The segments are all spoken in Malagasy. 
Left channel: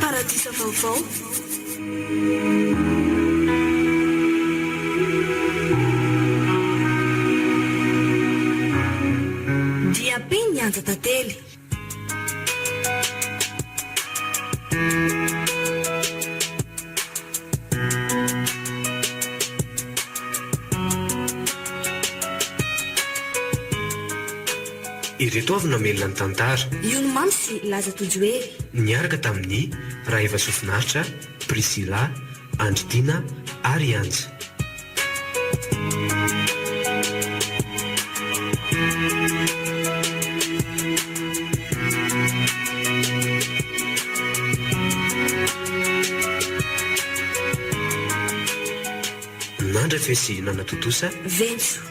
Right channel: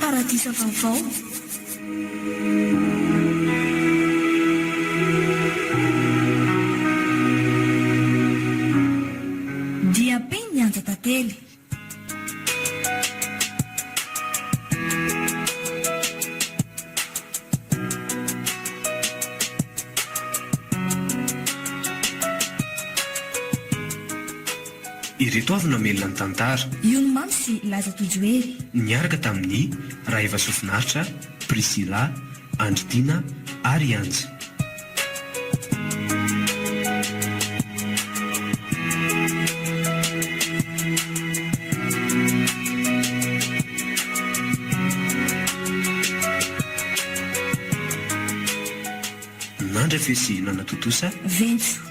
Paradisa vaovao. Dia bem ny anja tantely. Ireto avy namelona ny tantara. Io no mamy sy laza tojoery. Niaraka tamin'ny Raiva Sofinaritra, Priscilla, Andritina ary Anja. Nandra fesy nanatotosa Ventso.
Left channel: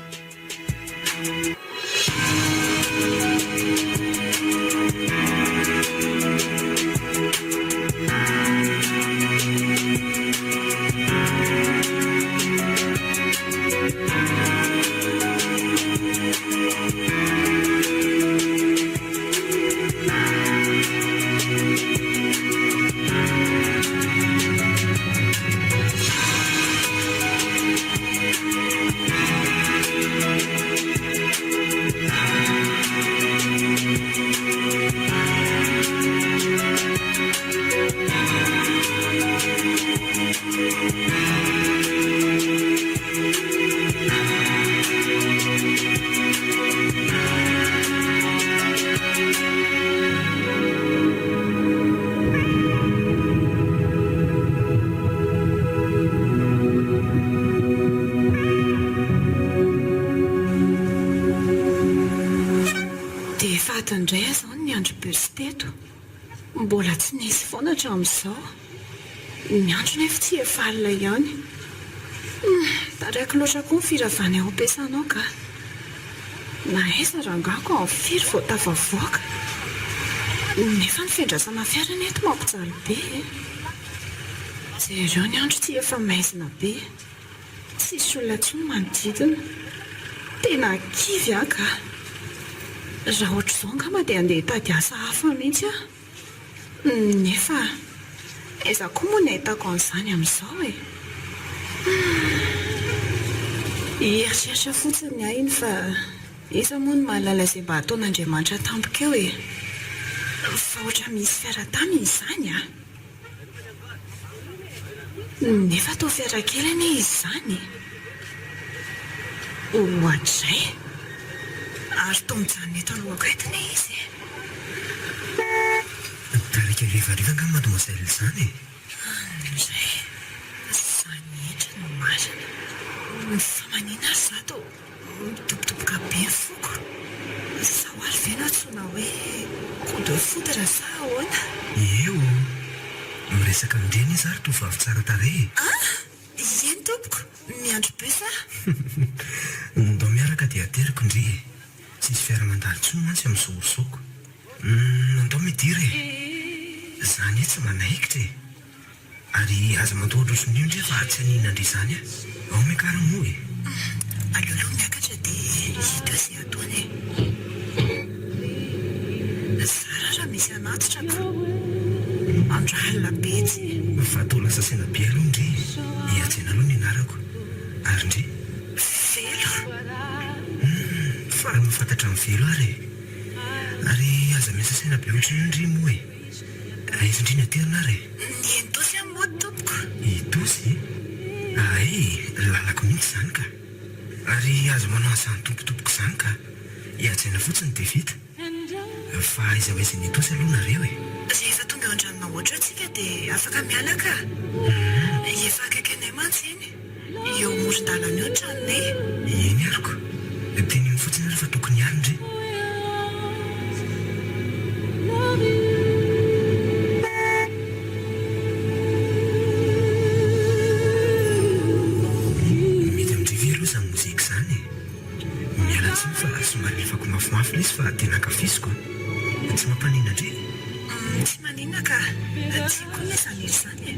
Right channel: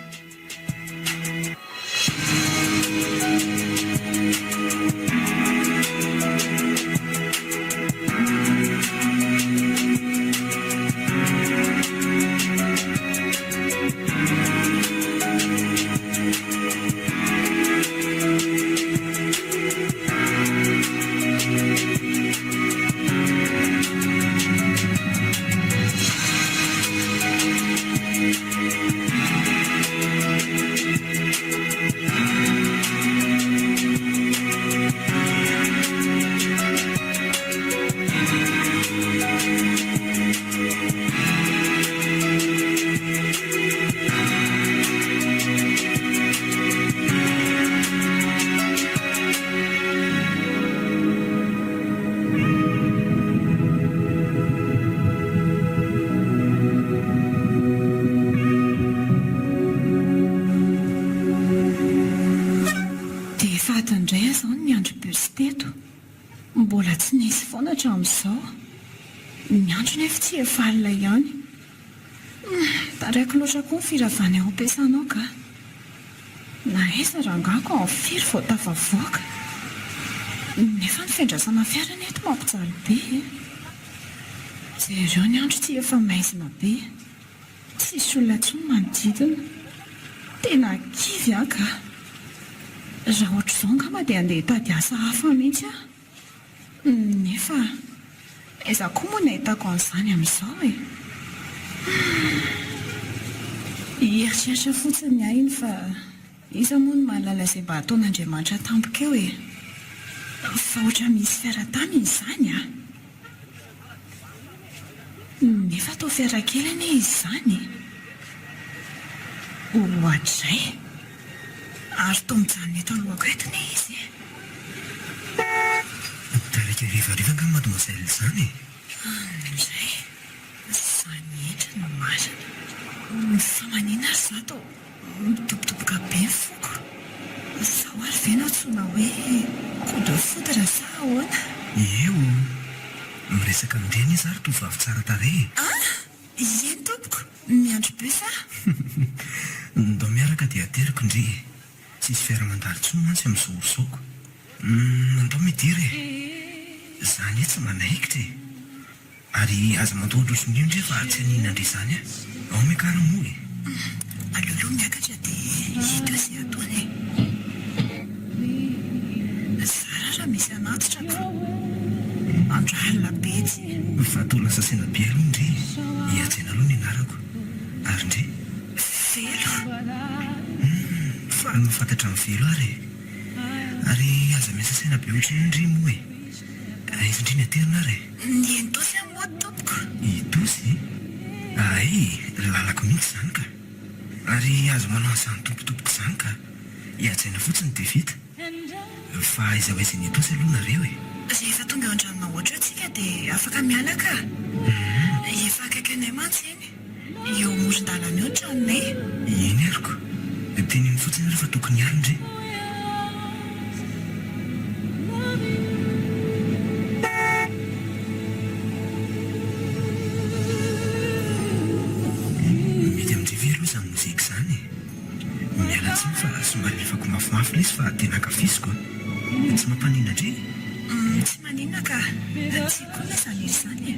Indray zao ny andro bersiteto mbola tsy nisy foana hatramin'izao ny andro nefa tsy efa alina ihany taraiky loatra koa ny firavana eo ampiasanao ka na aiza rangako ao amin'ny firy vao tafavoaka nefa ny fiandrasana fiara neto mampijaly be jereo ny andro tsy efa maizina be tsisy olona tsy manodidina tena kivy aka raha ohatra izao angamba dia andeha hitady asa hafa mihitsy aho nefa aiza koa moa ny ahitako an'izany amin'izao e hieritreritra fotsiny ahy iny fa iza moa ny mahalala izay mba ataon'Andriamanitra tampoka eo e fa ohatra misy fiara taminy izany a nefa atao fiara kely anie izy izany ohatray ary toa mijanona eto alohako etiny izy tarika rivariva nga mademoiselle izany izay izany etra no marina fa manina ary zato mitobotoboka be ny foko zaho ary ve natsoina hoe kode foudre sa ahoana eo miresaka mindreny izy ary tovavy tsara tarehy eny tompoko miandro be sa ndao miaraka dia ateriko indry tsisy fiara-mandalo tsony mantsy amin'izorosoko andao midiry izany tsy manaikitra ary aza mandohatra oson'io ndre fa tsy anina indry izany ao miakaramoa aleoloha miakatra dia hita izay ataony zara raha misy anatitra andro alina be tsy fa atao lasa saina be aloha indry hiatsena aloha ny anarako ary indry velo faly mafantatra amin'ny velo ary aza miasa saina be ohatra indry moa aiza indry ny aterina ary ny entosy amin'ny moa tompoko itosy ay lalako mihitsy izany ka ary azo manao an'izany tompotompoko izany ka hiatsena fotsiny dia vita fa aiza ho aiza ny itosy aloha nareo rehefa tonga eo an-dranona ohatra atsika dia afaka mialaka efa akaiky anay mantsy eny eo moron-dalana eo tranonay eny ariko teny iny fotsiny rehefa tokony alindry mety amindrivy aloha izany mozika izany miala tsiny fa somary lefako mafimafy ilay izy fa tena ankafiziko tsy mampanina indry tsy manina ka tsy koa ny izany izy izany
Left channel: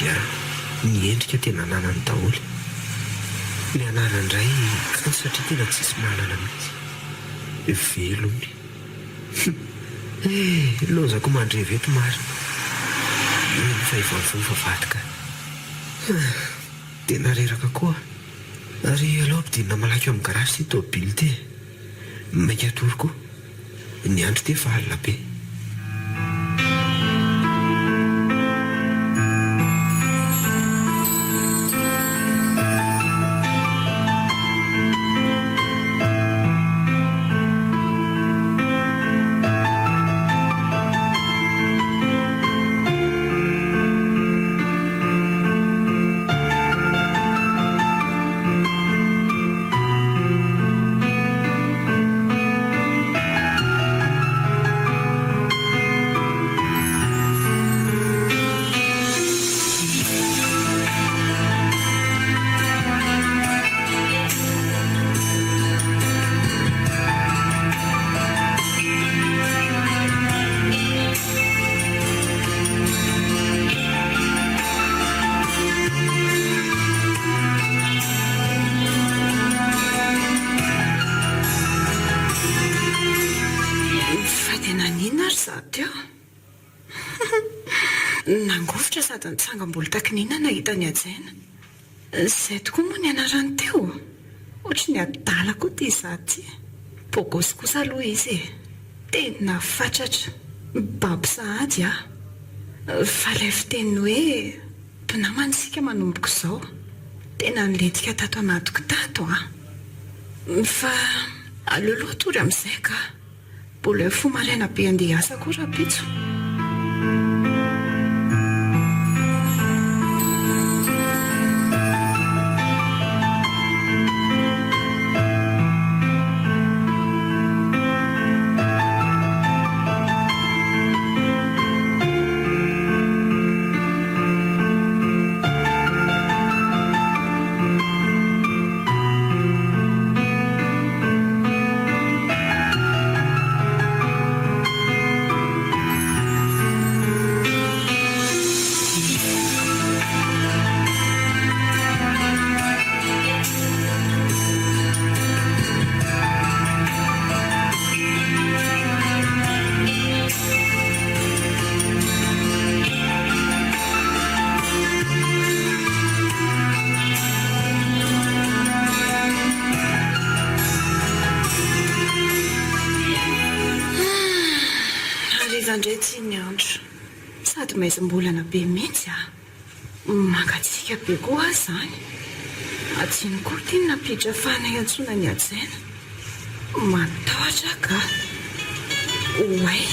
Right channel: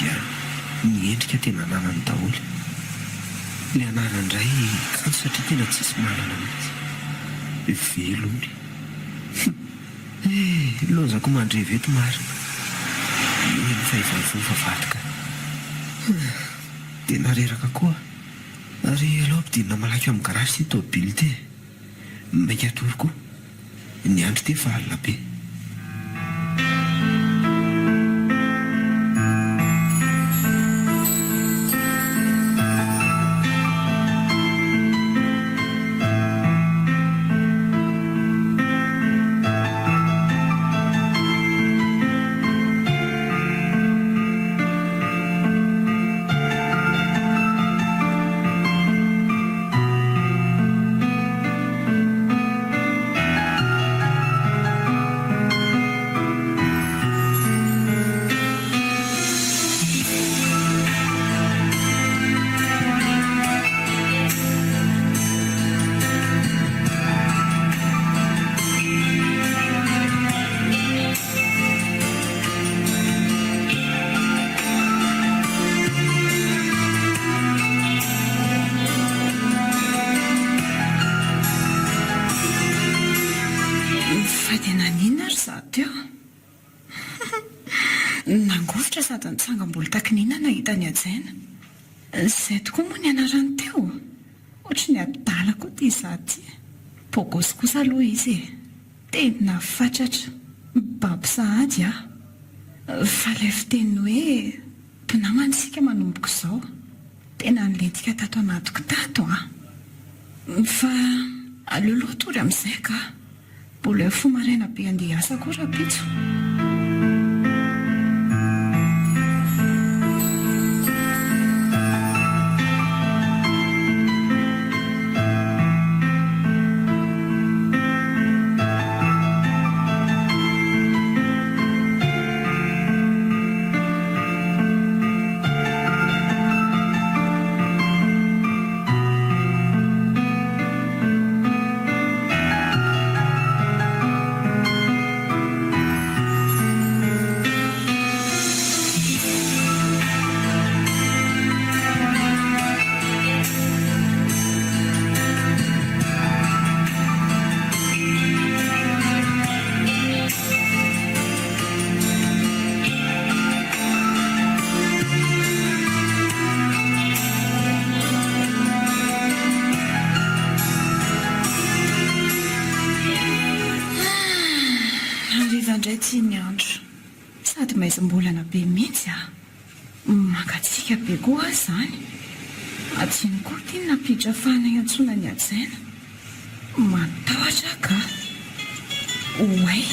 dia ny endrika tena nanany daholo. Ny anaran'indray kanto satria tena tsisy manana mihitsy. Velony. Lozako mandreva eto marina. Fahivavy vavadika. Tena reraka koa. Ary alao ampidinina malaky eo amin'ny garage ty tôbily ty. Maika atoroko. Ny andro ty efa alina be. Nangovotra sady nitsangam-bola takinina nahita ny ajaina. Izay tokoa moa ny anarany teo. Ohatry ny adala koa ty izaty ty. Bogosy kosa aloha izy. Tena fatratra. Babo sahady ah. Fa ilay fiteny hoe mpinamana isika manomboko izao. Tena nilentika tato anatiko tato ah. Fa aloloha tory amin'izay ka. Mbola eo fomaraina be andeha asa koa rapitso. Andray ty ny andro sady maizam-bolana be mihitsy ah. Mangatsika be koa zany. Atsiny koa ty napidra fana iantsona ny ajaina. Matahotra ka. Oay,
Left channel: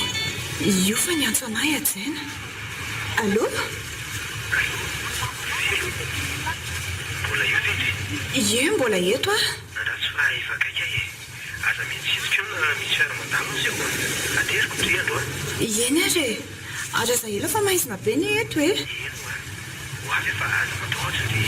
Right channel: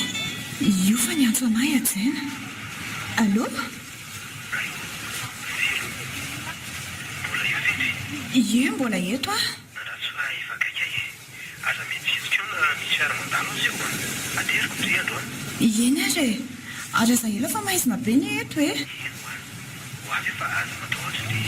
io fa ny antso anay ajaina. Allo? Mbola io vety? Ie, mbola eto ah. Naratsy fa ifakaiky e. Aza mitsitsika eo na misy fiara-mandalo azy eo. Ateriko ndry andro ah. Eny ary e. Ary aza ela fa maizina be ny eto e. Eno ah. Ho avy efa aza matahotra ndry.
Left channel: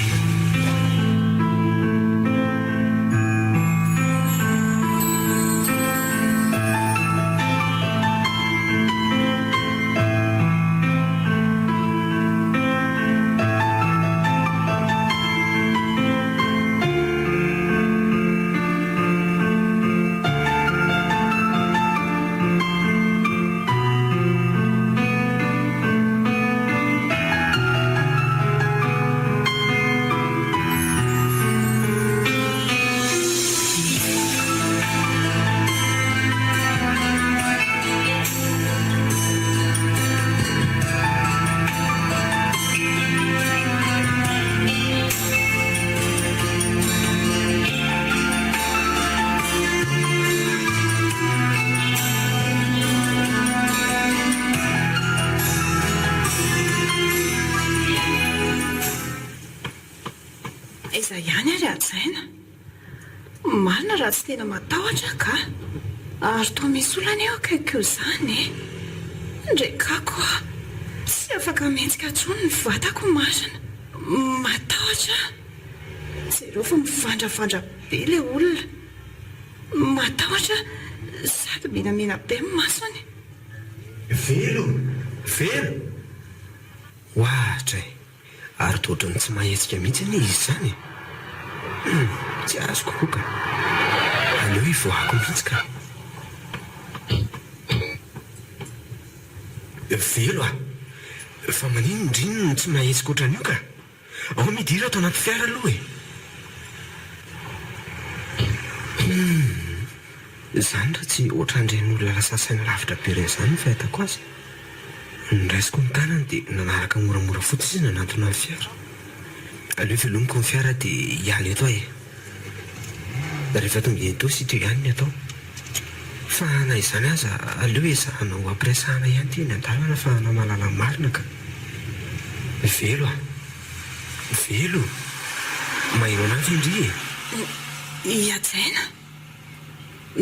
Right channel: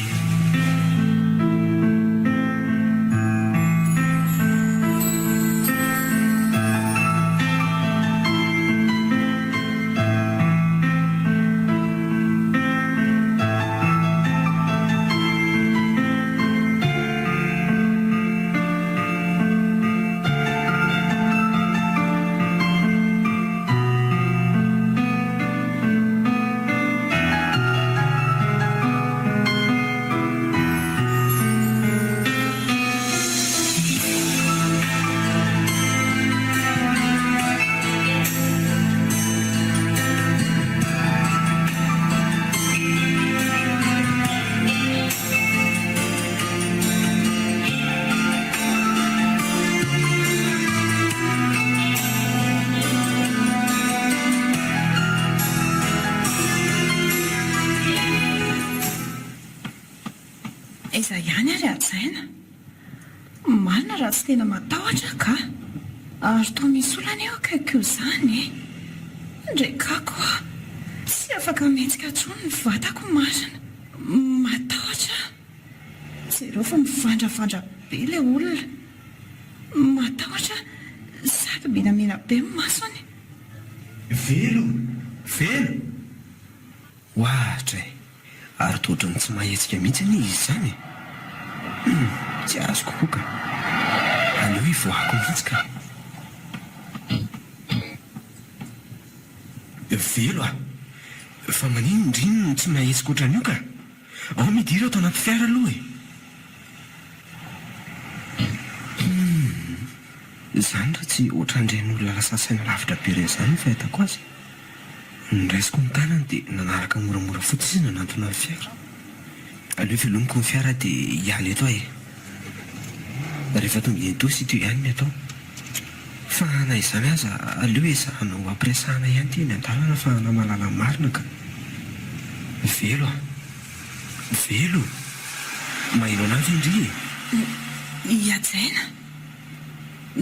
Iza ihany ary ajaina. Marina raha tsy tena matahotra ka. Ary toa misy olana eo akaikio izany e. Ndraikako tsy afaka mihetsika intsony ny vatako marina. Matahotra. Jereo fa mivandravandra be ilay olona. Matahotra sady menamena be ny masony. Velo. Ohatra e. ary toatrany tsy mahetsika mihitsy ny izy izany. Tsy azoko koa ka. Aleo hivoahako mihitsy ka. Velo a, fa manino indriny no tsy mahetsika ohatran'io ka. Ao midira ato anaty fiara aloha e. Izany raha tsy ohatran'ireny lasa saina lavitra be ireny izany ny fahitako azy. Niraisiko ny tanany dia nanaraka moramora fotsiny izy nanantona ny fiara. Aleo velomiko ny fiara dia hiala eto ahy. Rehefa tonga eny tosy ito ihany ny atao. Fa na izany aza aleo ezahana ho ampiresahana ihany ty ny an-dalana fa namalalana marina ka. Velo a, velo. Maheno anazy indry e. Iadzaina.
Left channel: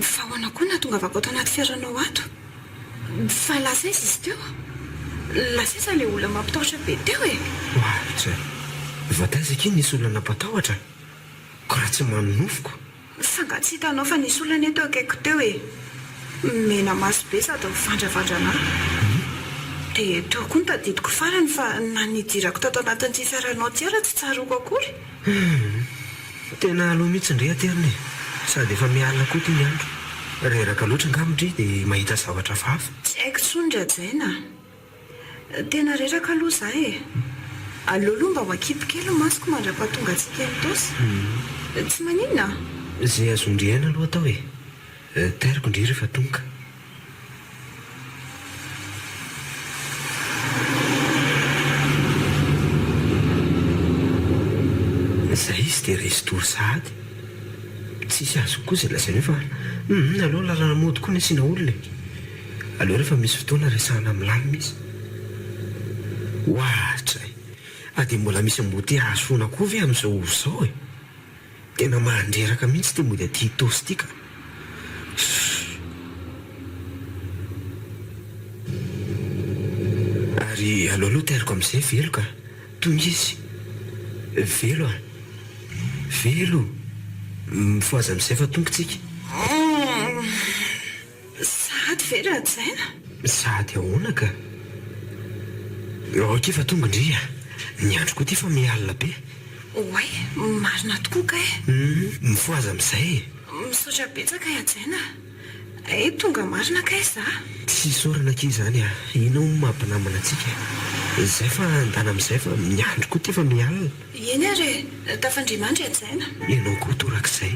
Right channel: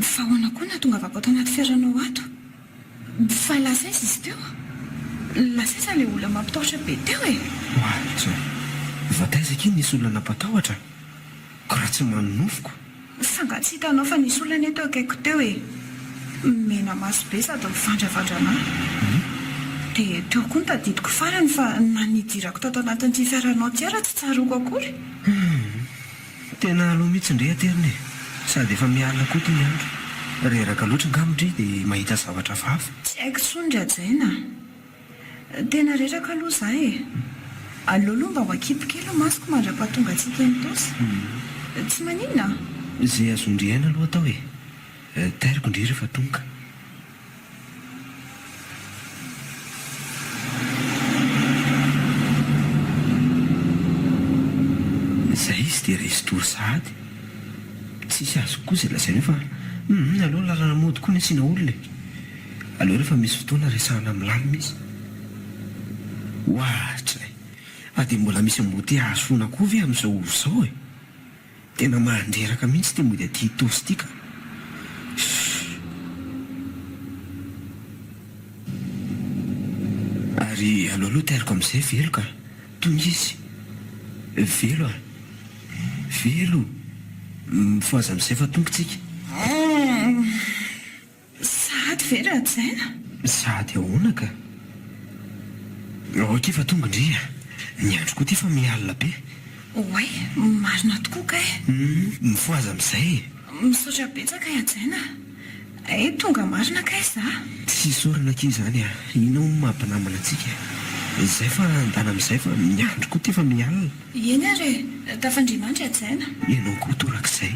Fa ahoana koa na tonga avako ato anaty fiaranao ato. Fa lasa izy izy teo. Lasa izy ilay olona mampitahotra be teo e. Oahitra. Vataizaka iny nisy olona nampatahotra. Ko raha tsy manonofoko. Fa nga tsy hitanao fa nisy olona eto akaiko teo e. Mena maso be sady mivandravandra dia teo koa ny tadidiko farany fa na nidirako tato anatin'ity fiaranao ty ara tsy tsaroko akory. Tena aloha mihitsy indray aterina e. Sady efa mialina koa ty ny andro. Reraka loatra ngamindry dia mahita zavatra vafa. Tsy haiko tsony Adjaina. Tena reraka aloha za e. Aleo aloha mba ho akipokely masoko mandra-pahatonga antsika eny tosy. Tsy maninona? Izay azo indriaina aloha atao e. Tairiko indry rehefa tonga. Izay izy dia resy tory sahady. Tsisy azo koa izay lazainy fa aleo lalana mody koa ny asiana olona e. Aleo rehefa misy fotoana resahana milamina izy. Oahatra e. Dia mbola misy mboty hahasoana koa ve amin'izao izao e. Tena mandreraka mihitsy ty mody aty tosy ity ka. Ary aloaloha tairiko amin'izay velo ka. Tonga izy. Velo a. Velo. Mifoaza amin'izay fa tonga tsika. Sady ve Adjaina? Sady ahoana ka. Ok fa tonga indry a. Ny andro koa ty fa mialina be. Oay, marina tokoa ka e. Mifoaza amin'izay. Misaotra betsaka Adjaina. Tonga marina ka za. Tsy sorana ki izany a. Ina ho mampinamana antsika. Izay fa andana amin'izay fa ny andro koa ty fa mialina. Eny ary tafandrimandry Adjaina. Ianao koa torak'izay.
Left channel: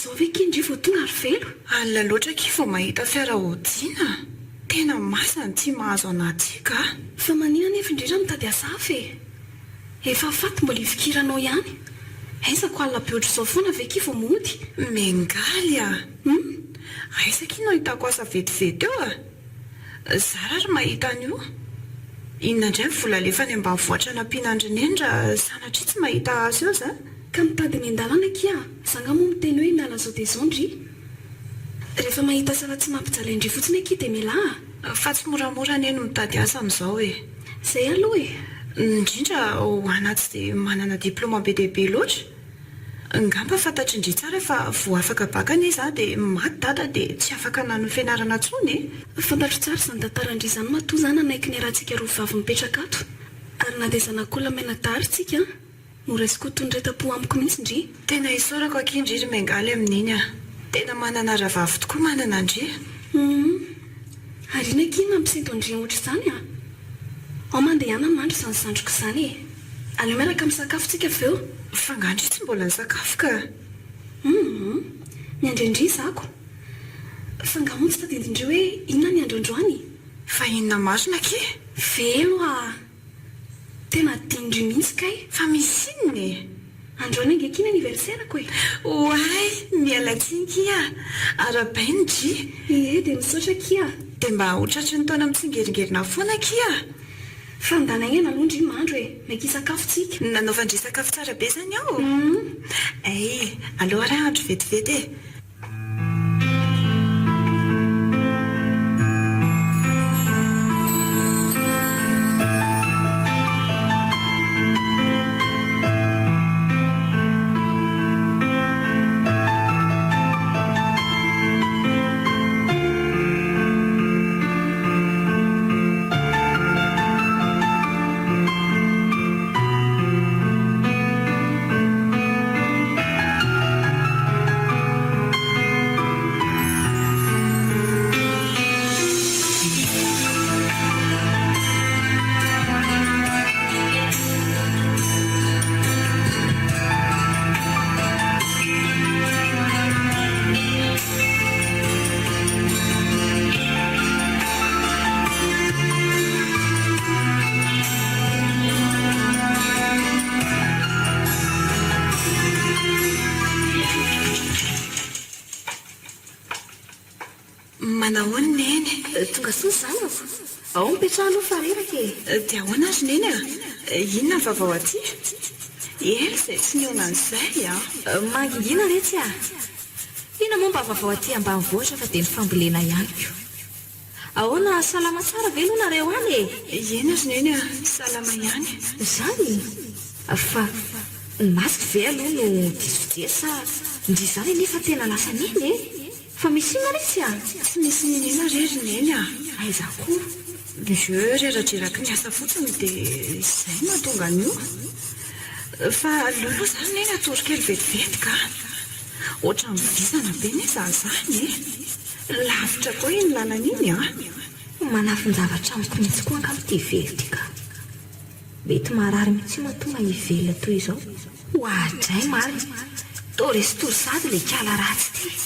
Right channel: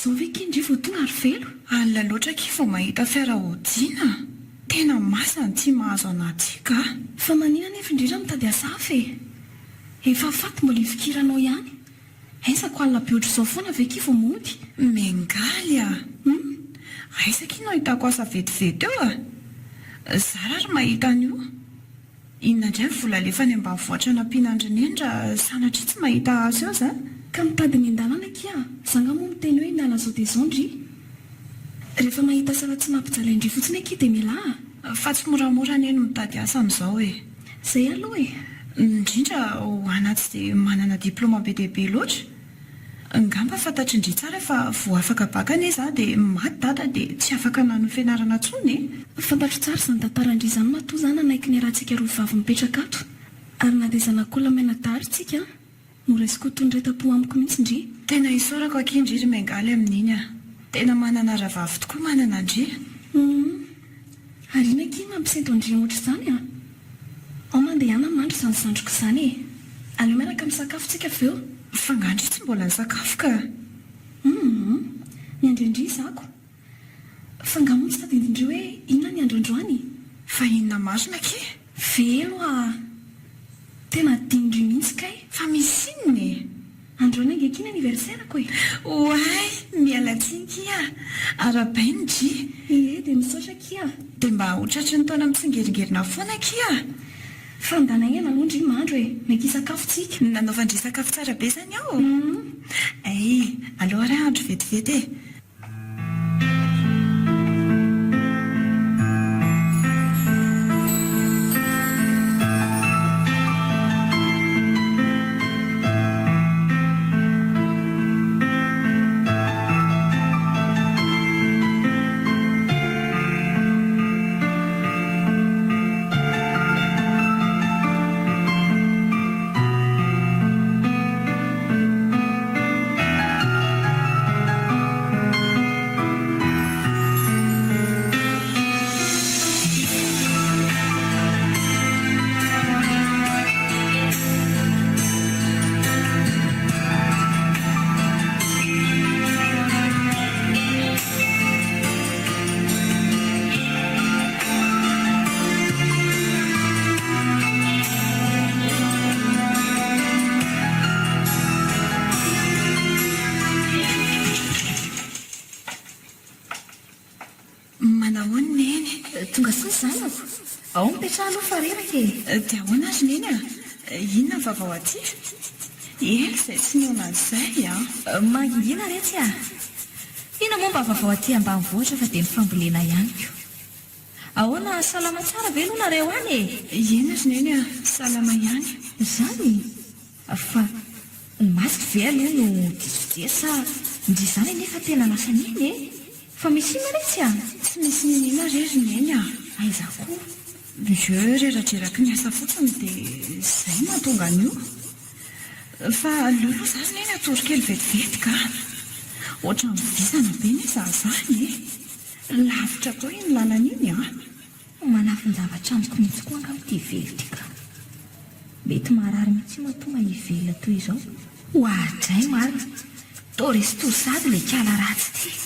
Zao ve kindry vao tonga ary velo? Alina loatra ki vao mahita fiara hodiana. Tena masany tsy mahazo anaty ka. Fa manina nefa indrindra mitady hasafa e. Efa faty mbola hifikiranao ihany. Aisako alina be ohatr'izao foana ve ki vao mody? Mengaly a. Aisaka ino ahitako asa vetivety eo a. Zara ary mahita an'io. Inona indray ny vola alefa any ambanivohitra nampianandrinendra sanatria tsy mahita azy eo za. Ka mitady ny an-dalana kia. Zanga moa miteny hoe miala zao dia zao ndry. Rehefa mahita sara tsy mampijaly indry fotsiny aky dia mila. Fa tsy moramora ny eno mitady asa amin'izao e. Zay aloha e. Indrindra ho anaty dia manana diploma be dia be loatra. Ngamba fantatry indry tsara fa vao afaka bakana iza dia maty dada dia tsy afaka nano fianarana tsony e. Fantatro tsara izany tantarandry izany matoa izany anaiky ny rahantsika roa vavy mipetraka ato. Ary na dia zanak'olona mena-daritsika moraisiko tondretam-po amiko mihitsy indry. Tena isaorako akindry ry mengaly amin'iny a. Tena manana ravavy tokoa manana indry. Ary ina kina mampisento andry ohatr'izany a. ao mandehana mandro izany sandroko izany e. Aleo miaraka misakafontsika avy eo. Fangandry tsy mbola nisakafo ka. Niandrendry izako. Fangamontsy tadindindreo hoe inona ny androandroany. Fa inona marina ke? Velo tena dindry mihitsy kay. Fa misy inona e? Androany angekiny aniversairako e. Oay, mialatsiny kia. Arabainy dry. Dia misaotra kia. Dia mba hotratry ny taona mitsingeringerina foana kia. Fandanagna aloha ndry mandro e. Mety hisakafontsika. Nanaovandry sakafo tsara be zany aho. Ay, aleo raha andro vetivety e. Manahoana neny? Tonga siny izany ako. Ao mipetraha aloha fareraka e. Dia ahoana azy neny a? Inona ny vaovao aty? Ela izay tsy niona an'izay a. Mangingina retsy a. Ina momba vaovao aty ambanivohitra fa dia ny fambolena ihany ko. Ahoana salama tsara ve aloha nareo any e? Ena azy neny a, salama ihany. Izany fa ny masy ve aloha no disodesa ndry izany nefa tena lasa niny e. Fa misy ina retsy a. Tsy misy ninina rery neny a. Aiza koa. Je reradreraky ny asa fotsiny dia izay mahatonga an'io. Fa lolo izany neny atorokely vetivety ka. Ohatra mivisana be ny zazany e. Lavitra koa iny lalana iny a. Manafin-javatra amiko mihitsy koa ankamin'ity vely ity ka. Mety marary mihitsy mahatonga hivela toy izao. Hoadray mary. Toresy torsady ilay kala ratsy ity.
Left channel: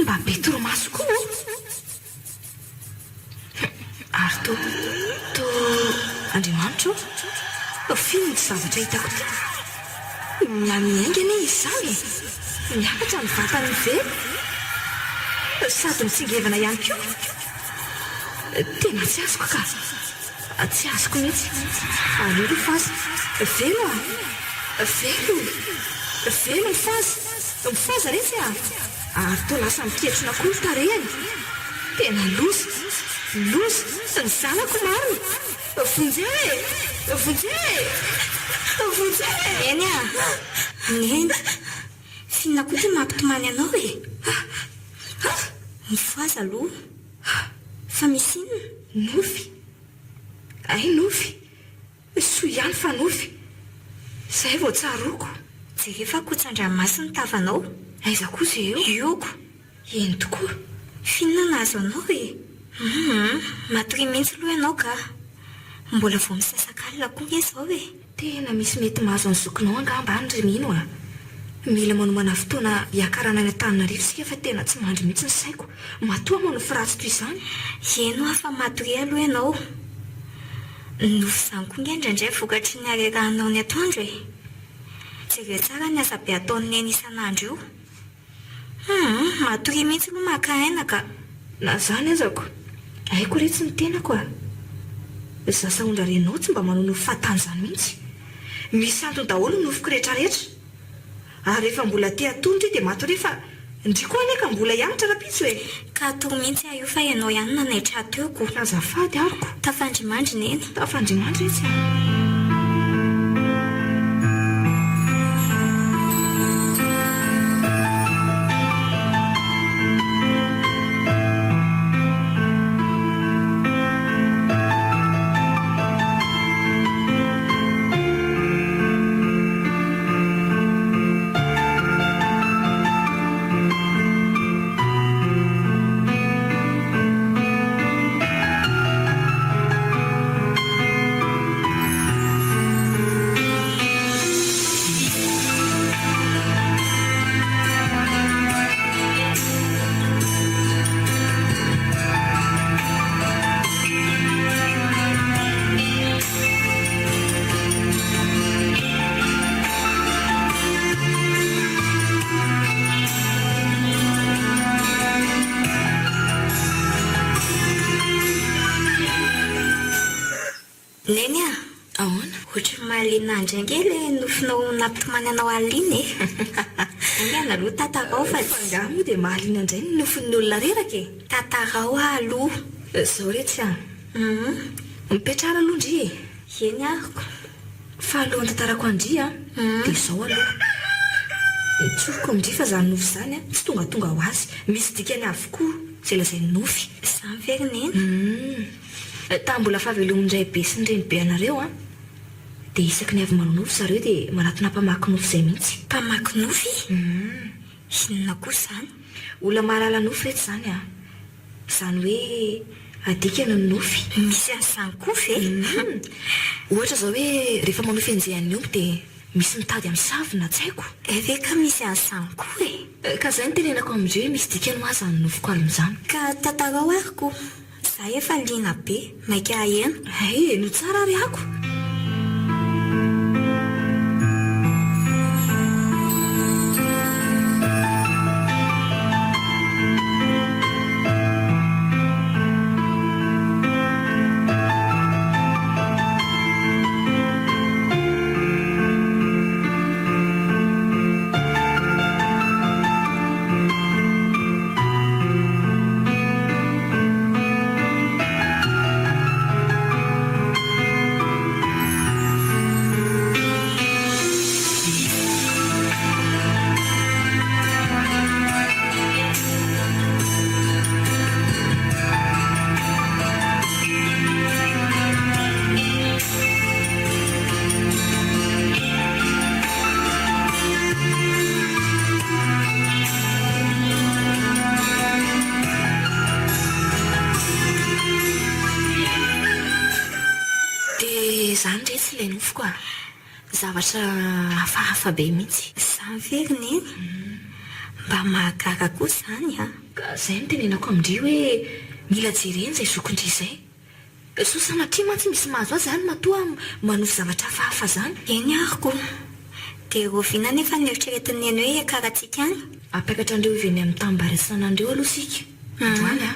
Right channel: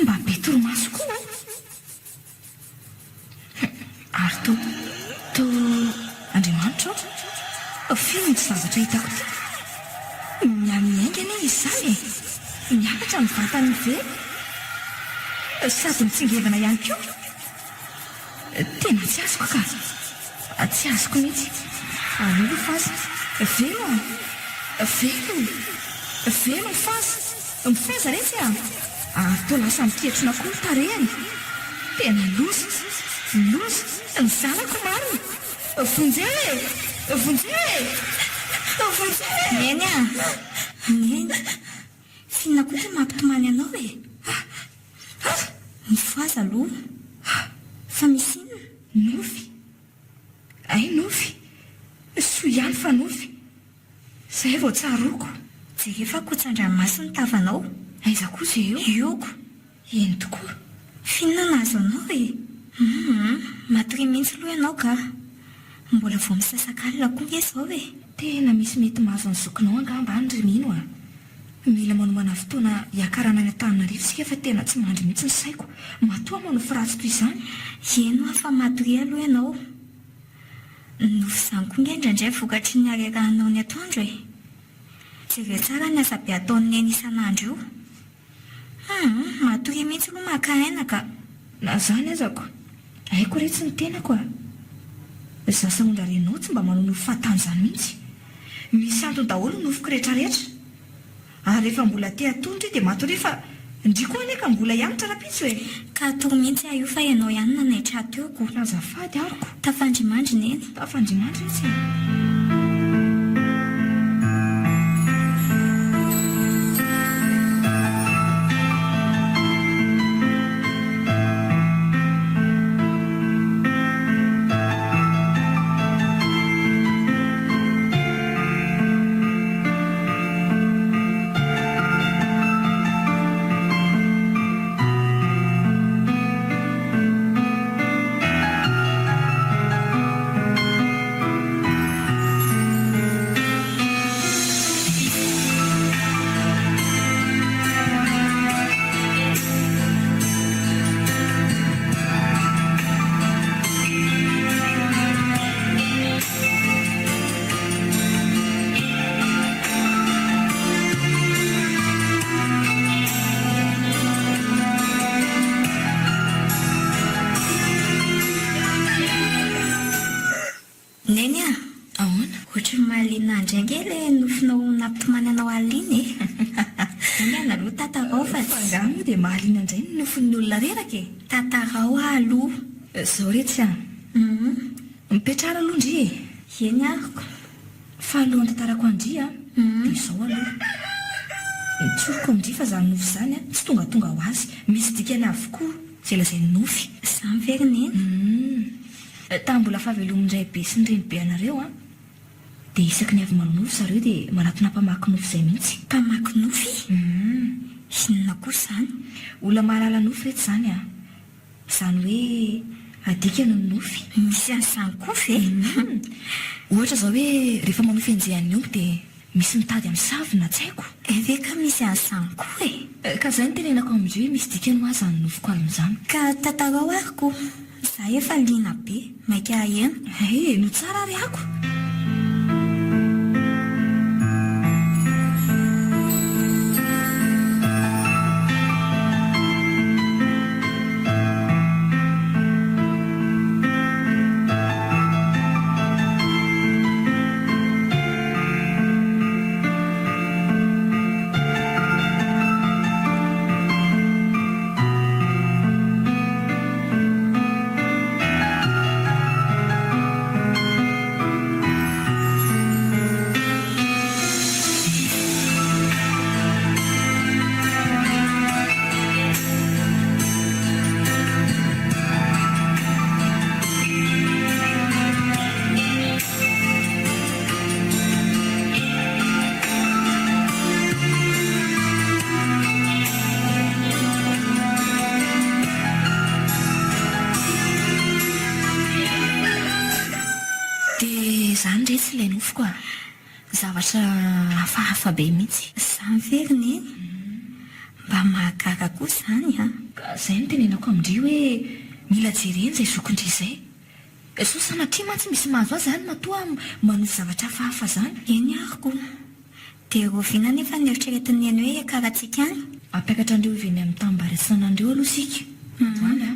Mba be toromaso koa. Ary to Andriamanitra fino tsy zavatra hitako ty. Na miaingana izy izany e. Miakatra ny vatany ve. Sady mitsingevana ihany koa. Tena tsy azoko ka. Tsy azoko mihitsy. Alolo fazy. Velo a. Velo mifazy. Mifaza retsy a. Ary to lasa miketrona koa ny tarehany. Tena loza. Ny zanako marina. Vonjely. Neny a. Neny. Finona koa ty mampitomany anao e. Mifaza aloha. Fa misy inona? Nofy. Ay nofy. Soa ihany fa nofy. Zay vao tsaroko. Jerefa kotsan-dranomasina tavanao. Aiza koa izay eo? Ioko. Eny tokoa. Finona nazo anao e. Matory mihitsy aloha ianao ka. Mbola vao misasakalina koa nge izao e. Tena misy mety mahazo ny zokinao angamba any ry mino a. Mila manomana fotoana hiakarana ny Antananarivo sika fa tena tsy mandry mihitsy ny saiko. Matoa moa ny firatsy toy izany. Eno a fa matory aloha ianao. Nofy izany koa nge indraindray vokatry ny arerahanao ny atoandro e. Jereo tsara ny asa be ataony neny isan'andro io. Matory mihitsy aloha maka-aina ka. Na zany azako. Aiko retsy ny tenako a. Zasa ondra renao tsy mba manao nofy fahatany izany mihitsy. Misy antony daholo ny nofiko rehetrarehetra. Ary rehefa mbola te atondra dia matory fa ndry koa neka mbola hianatra rapitso e. Ka atory mihitsy io fa ianao ihany nanaitra ateoko. Azafady ariko. Tafandrimandry neny. Tafandrimandry retsy a. neny a ahoana ohatra ny mahaliana andrainga le nofinao nampitomany anao alina e analoha tatarao fa fangamo dia mahaliana indray ny nofin'ny olona reraka e tatarao aloha zao retsy a mipetrara aloha ndry e eny ariko fa alohan'ny tantarako andry a dia izao aloha mitsoroko amindry fa zany nofy zany a tsy tongatonga ho azy misy dikany avokoa zay lazay ny nofy zany verineny tambola fahavelomindray be sy ny reny be anareo a dia isaky ny avy manao nofy zareo dia manatona mpamaky nofy izay mihitsy mpamaky nofy inona koa zany olona mahalala nofy rehetra zany a zany hoe adikana ny nofy misy an'izany koa ve ohatra zao hoe rehefa manofy anjehan'ny omby dia misy mitady amin'ny savina tsy haiko eve ka misy an'izany koa e ka zay ny tenenako amindreo hoe misy dikany ho azy ny nofiko alon'izany ka tatarao ariko za efa liana be maika ahena no tsara ary ako zany retsy ilay nofiko a zavatra hafahafa be mihitsy zany verineny mba mahagaga koa zany a ka zay no tenenako amindry hoe mila jereny izay zokondry izay so sanatria mantsy misy mahazo azy zany matoa manofy zavatra hafahafa zany eny ariko dia roviana nefa ny eritreretin'ny eny hoe karahantsika any apiakatra andreo iveny amin'ny tambaresanandreo aloha sika androany a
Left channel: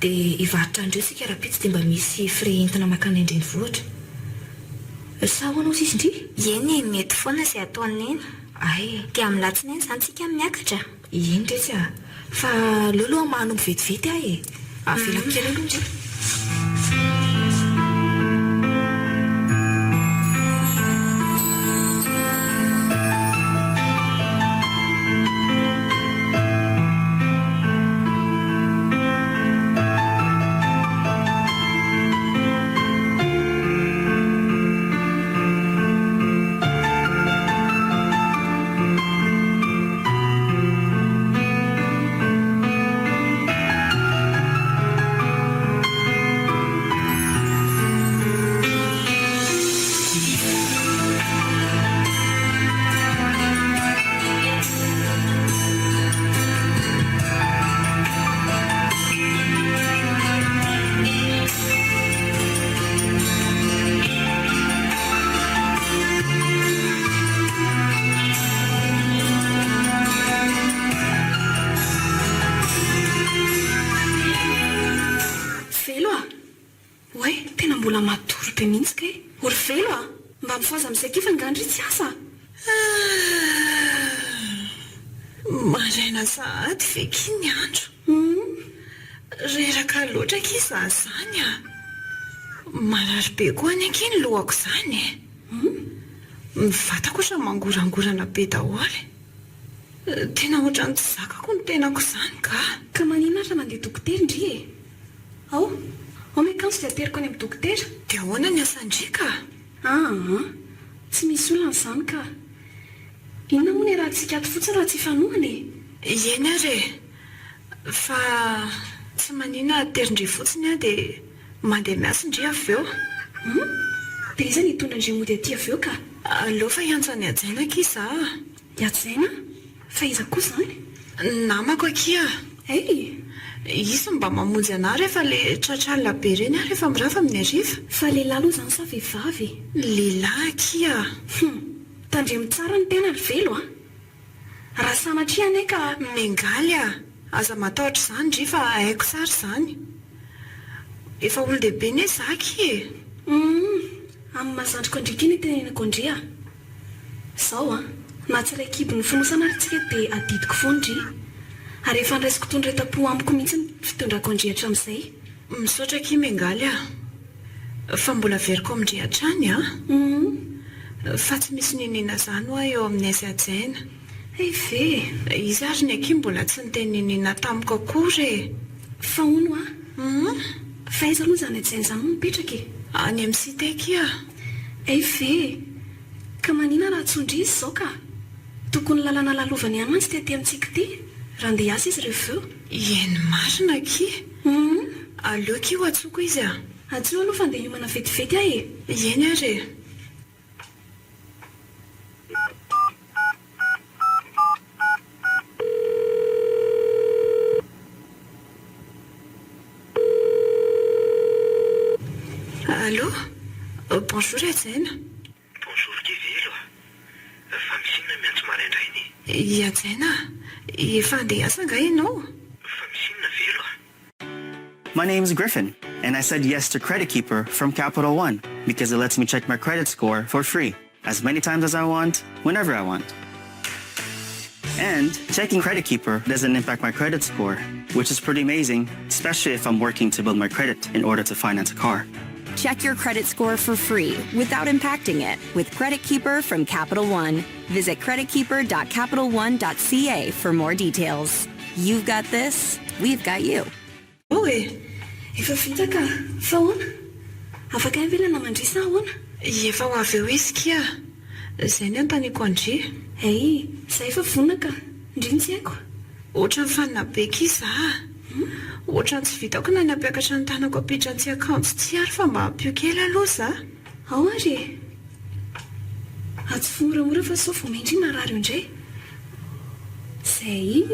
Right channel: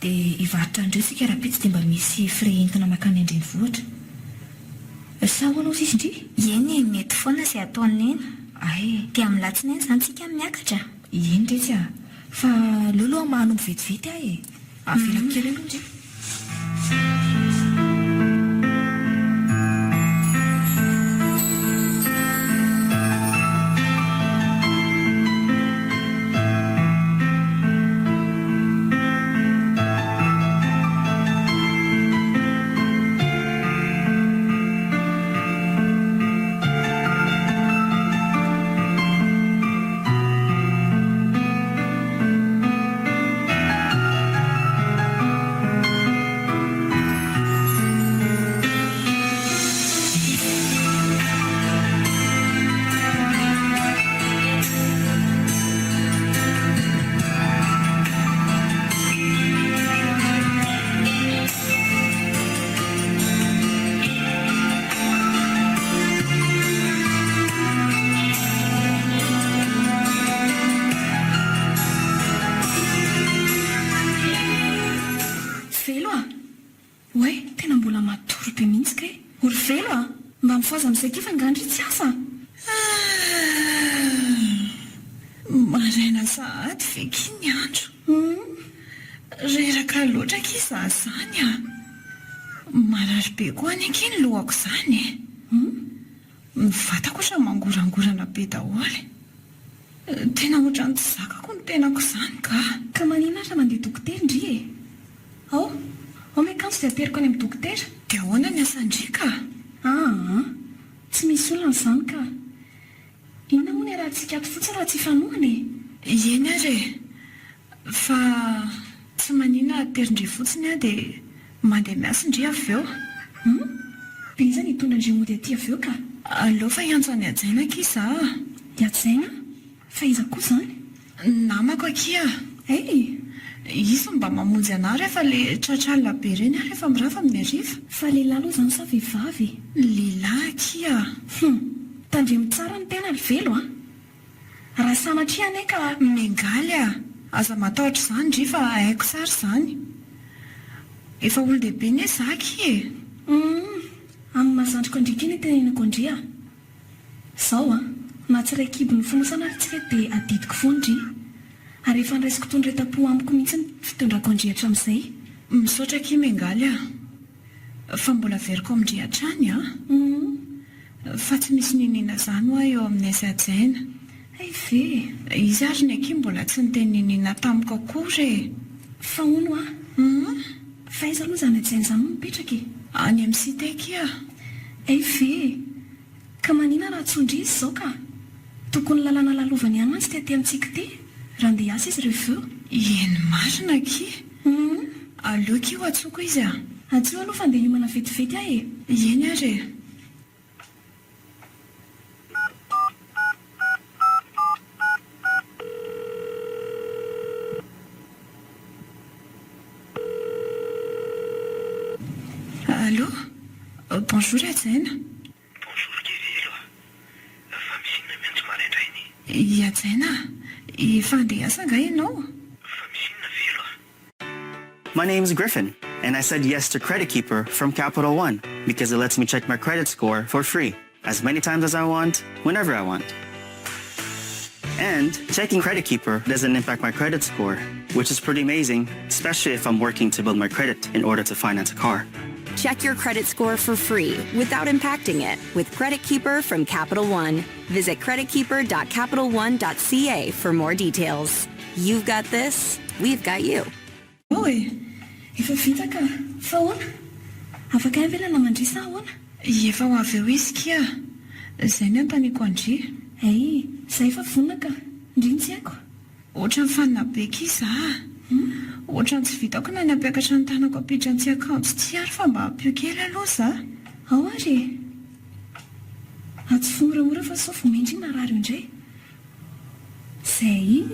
dia hivarotra andreo sika raha-pitsy dia mba misy frais entina makany andreny vohatra sa hoanao sisy indry eny e mety foana izay ataony eny ay dia amin'ny latsinainy zany tsika miakatra eny retsy a fa leoloha mahanombo vetivety ahy e avelako kely aloha ndry oe tena mbola matory be mihitsy ka e ory velo a mba mifoaza amin'izay kifa ngandry tsy asa maraina sahady veky ny andro reraka loatra kiza zany a marary be koa any anky ny lohako zany e mivatako otra mangorangorana be daholy tena ohatrany tsy zakako ny tenako zany ka manina ra mandeha dokotera indry e ao mekanso dia ateriko any amin'ny dokotera dia ahoana ny asandrika tsy misy olana izany ka inona moa ny raha tsika ato fotsiny raha tsy fanohany eny ary fa tsy manina aterindry fotsiny a dia mandeha miasa indry avy eo dia iza ny hitondra indry mody aty avy eo ka aleo fa hiantso any ajaina kiza hiatsaina fa iza koa izany namako akia izy mba mamonjy ana rehefa le tratralina be reny a rehefa mirafa amin'ny ariva fa lehilahy aloha izany sa vehivavy lehilahy akia tandremy tsara ny tena ry velo a raha sanatria ane ka mengaly a aza matahotra izany ndry fa haiko sary izany efa olo-dehibe ne zaky e amin'ny mazandriko andrika iny tenenako andria izao na tsy iray kibo ny fonosana ary tsika dia adidiko foandry ary efa ndraisiko tondretam-po amiko mihitsy ny fitondrako andrihatra amin'izay misaotra kimy engaly fa mbola veriko amindrihatra any fa tsy misy ninina zany hoa eo amin'ny aizy ajaina ve izy ary ny aky mbola tsy niteny ninina tamiko akory fa ono fa izy aloha zany ajaina zany no mipetraka any amin'ny siteky ve ka manina raha tsondry izy izao ka tokony lalana lalovany ihany mantsy tetỳ amintsika ty raha ndeha asa izy reveo eny marina ky aleoky ho atsoko izy atsio aloha fa ndeha hiomana vetivety ahy eny ary Allô? Bonjour Ajaina. Bonjour Kivelo. Fa misy inona miantso maraindrainy? Ajaina, efa andeha asa nga ianao? Fa misy inona velo My name's Griffin, and I said yes to Credit Keeper from Capital One because it lets me check my credit score for free, as many times as I want, whenever I want. And checking Credit Keeper doesn't impact my credit score, which is pretty amazing, especially if I'm working to build my credit in order to finance a car. Check your credit score for free without impacting it with Credit Keeper from Capital One. Visit creditkeeper.capitalone.ca for more details. You've got this, we've got you. Efa vita ka fa ahoana afaka ivelana mandrisa ahoana Efa ho avy eo izy kia izay ny antaniko andry izay efa vonona ka ndriny haiko ohatra ny fanina be kiza ohatra ny tsy vitako na ny ampiakatra ny tanako apidrantsy akanjo tsy ary fa mba hampio kely aloha za ao ary atsy fomoramora fa sao vomendry marary indray zay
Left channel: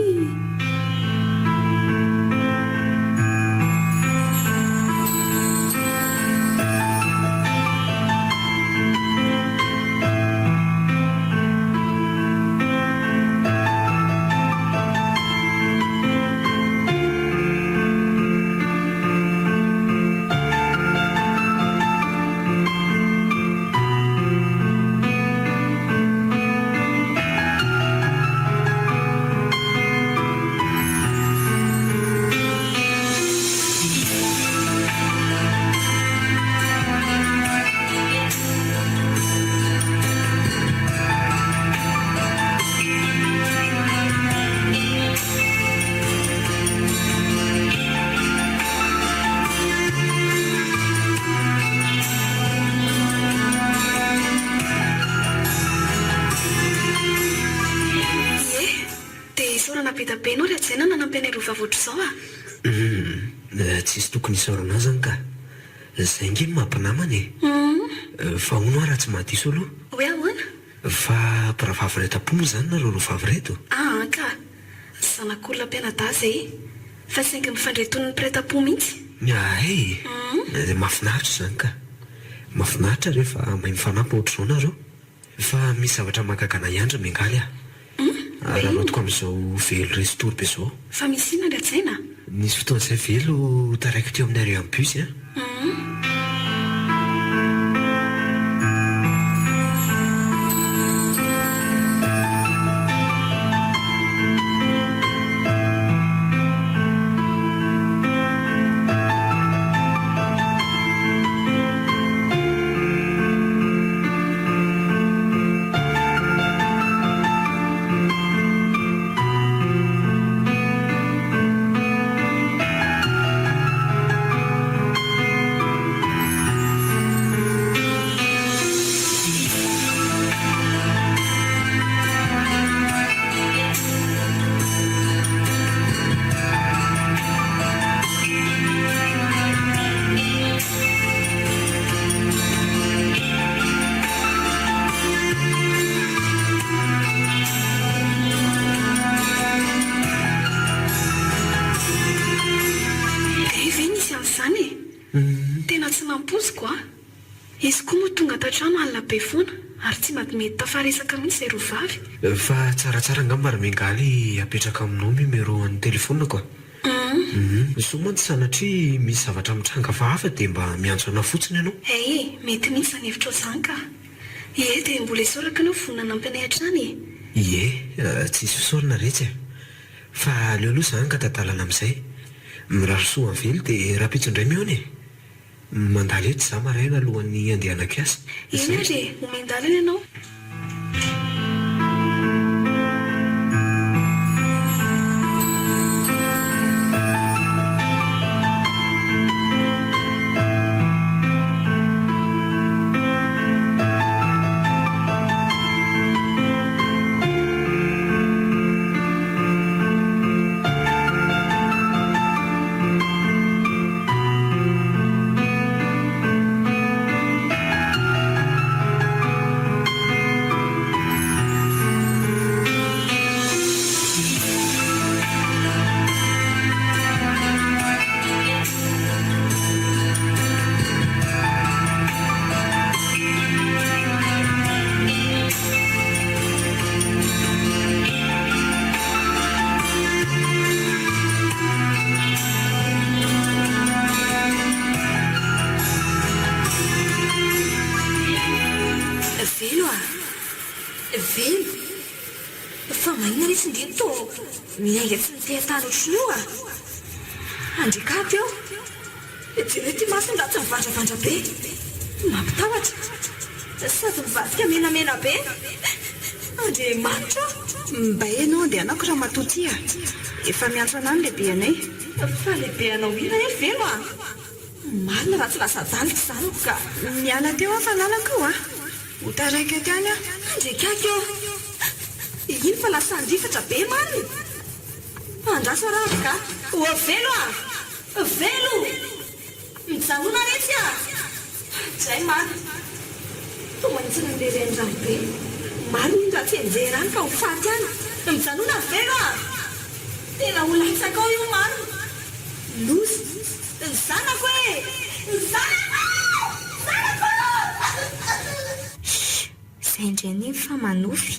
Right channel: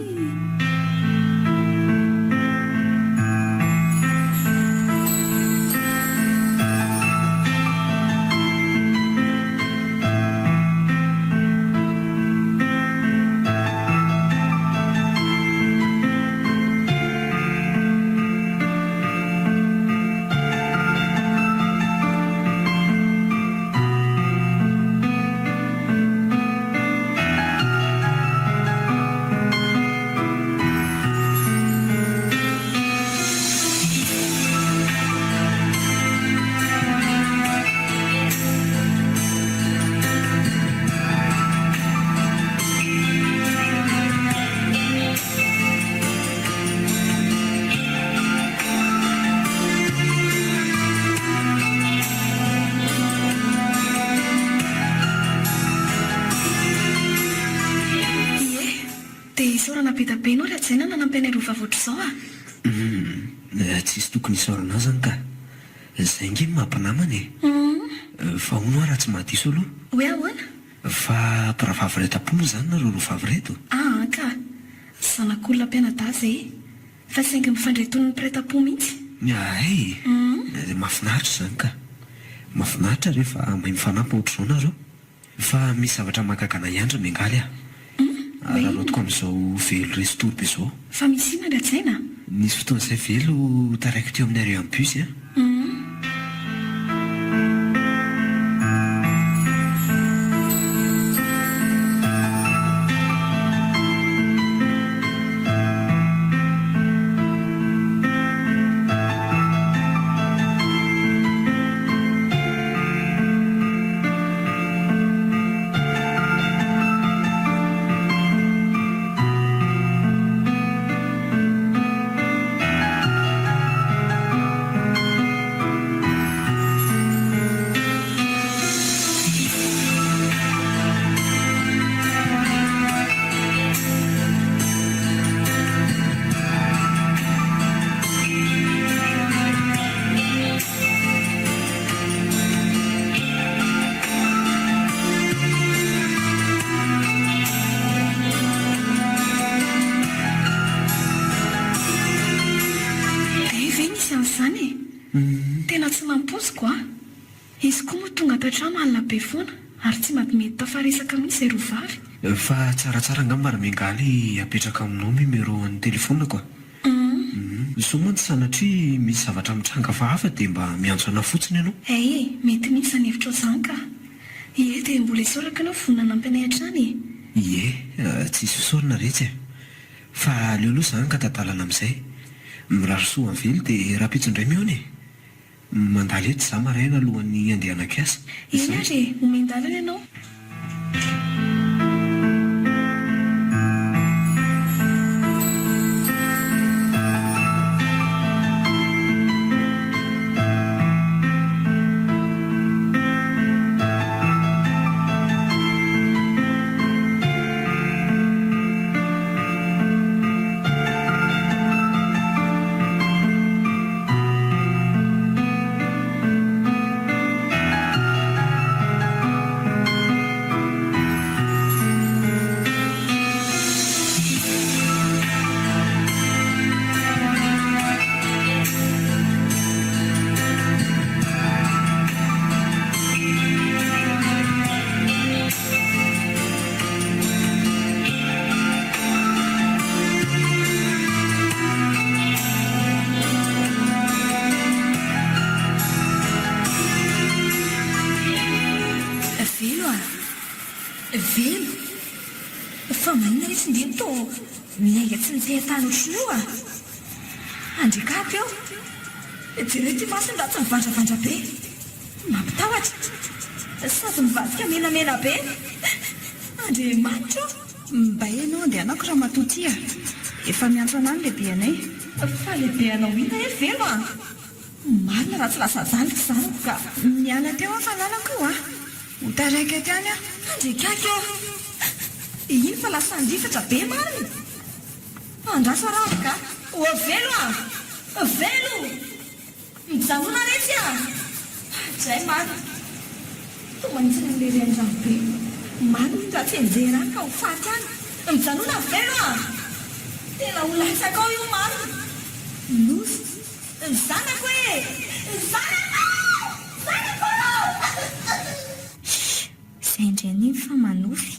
be anao ry ajaina nanampena irova voatra izao tsisy tokony isaorana zany ka zay nge mampinamana fa hono raha tsy mahadiso aloha hoe ahoana fa mpiravavy retam-po moa zany nareo rovavy reto ka zanak'olona mpianadaza fa saingy mifandretony ny mpiretam-po mihitsy mahafinaritra zany ka mahafinaritra rehefa mahay mifanampy ohatr'izao nareo fa misy zavatra mahakagana iandra miangaly raha lotiko amin'izao velo restory be zao fa misy inona ry ajaina nisy fotoan'izay velo taraiky teo amin'ny areo amin'ny bus trano alina be foana ary tsy mahatomety tafaresaka mihitsy zay rovavy fa tsaratsara angamba raha miangaly apetraka aminao numéro an'ny telefonina koa so mantsy sanatria misy zavatra mitranga fa hafa dia mba miantso ana fotsiny ianao. Mety mihitsy zany hevitra oatsahaka. Dia mbola isoraka anao vonina nampianay hatrany. Tsisy isorana retsy fa aleoloha zany ka tadalana amin'izay mirarosoa amin'ny velo dia raha-pitso indray mihoana mandalo eto za maraina alohan'ny andehanako asa. Eny ary omendalana ianao. Velo fa mahina retsy indiny to miainga tsy nitsay tany otriny io andrikapy eo jereo ty masiny raha tsy mivandravandra be mampitahotra sady mivadika menamena be andre manitra mba enao andehanako raha matotia efa miantso anany lehibe anay fa lehibe anao ina velo marina raha tsy lasa daliko zanako ka miala teo aho fananako io ho taraika tiany aho andrikaka eo iny fa lasa andrifatra be marina andraso aravo ka velo velo mijanona retsy zay marina to manitsy nanlery andrano be marina raha tsy enjerany ka ho faty any mijanona velo tena ho latsaka ao io marina lozy ny zanako zanako izay indreny fa manofy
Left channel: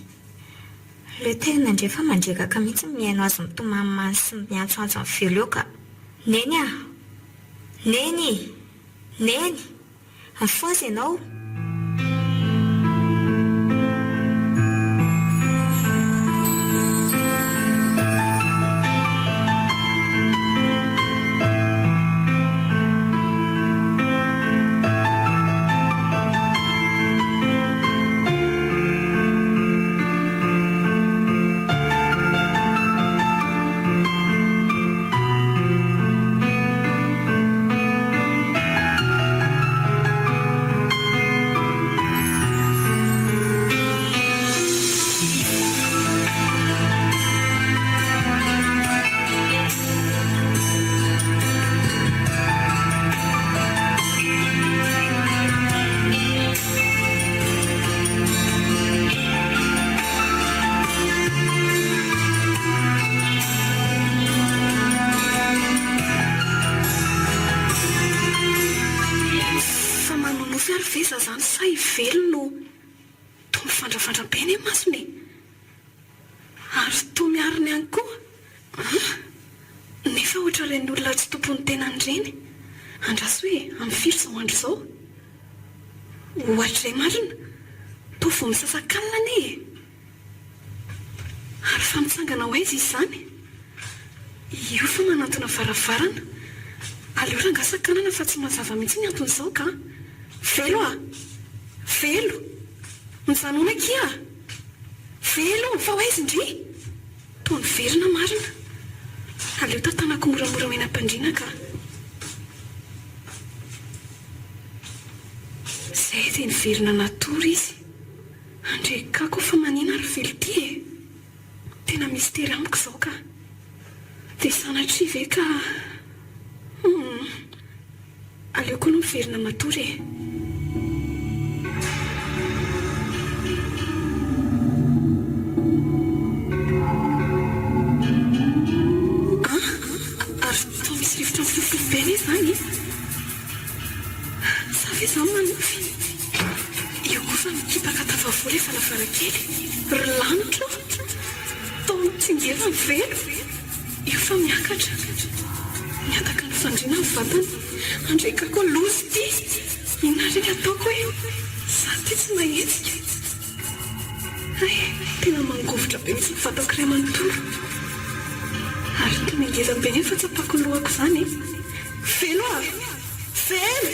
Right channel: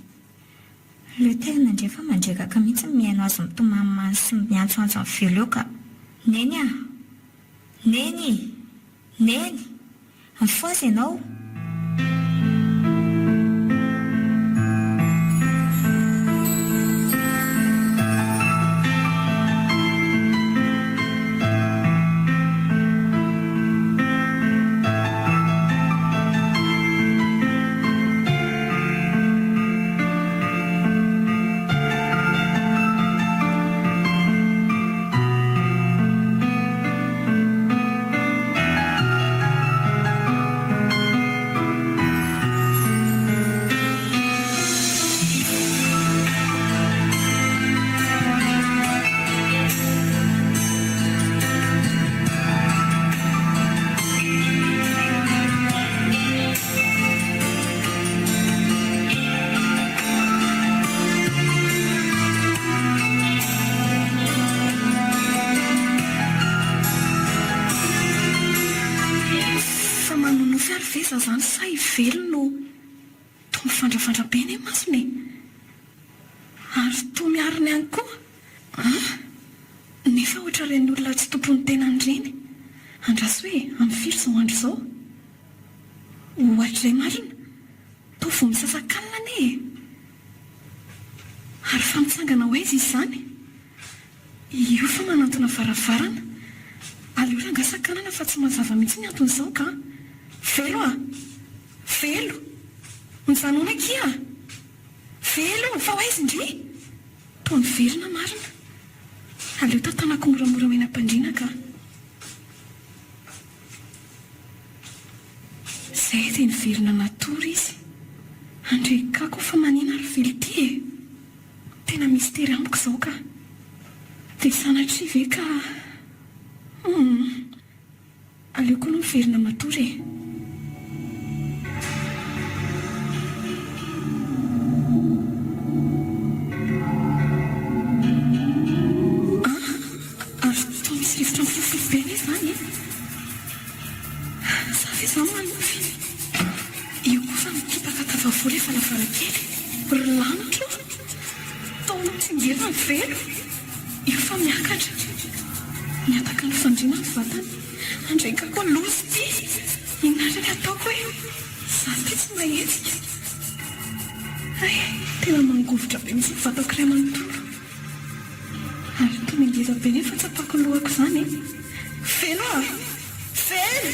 le tena ndre fa mandrekaka mihitsy miaino azy mitomamany sy miantsoantso amin'ny velo eo ka neny neny mifozy ianao. Zany say velo no to mifandrafandrabeny e masony ary to miariny ihany koa nefa ohatra reny olona tsy tompony tenany reny andraso hoe amin'ny firy zao andro zao ohatra ray marina to vo misasakalina ane ary fa mitsangana ho aizy izy zany io fa manantona varavarana aleo rangasakanana fa tsy mazava mihitsy ny anton'izao ka velo velo nyzanona kia velo fa ho aizy indry to ny verina marina aleo tantanako moramora menam-pandriana ka zay dia niverina natory izy andrekako fa manina ary velo ty tena mistery amiko izao ka dia sanatria ve ka aleo koa no miverina matory ary to misy rivotra mifofofo be zany sa ve zany manofy io koa fa mikipaka tavavola efa lavarakely ry lanitra to mitsingerina ny velo io fa miakatra Miataka ny fandriana ny vatany andraika koa lozy ty inariny ataoko hoe za ty tsy mahetsika ay tena mangovotra be misy nyvatako ray amanontolo ary tena ngeza be nefa tsapako lohako izany feno a feno.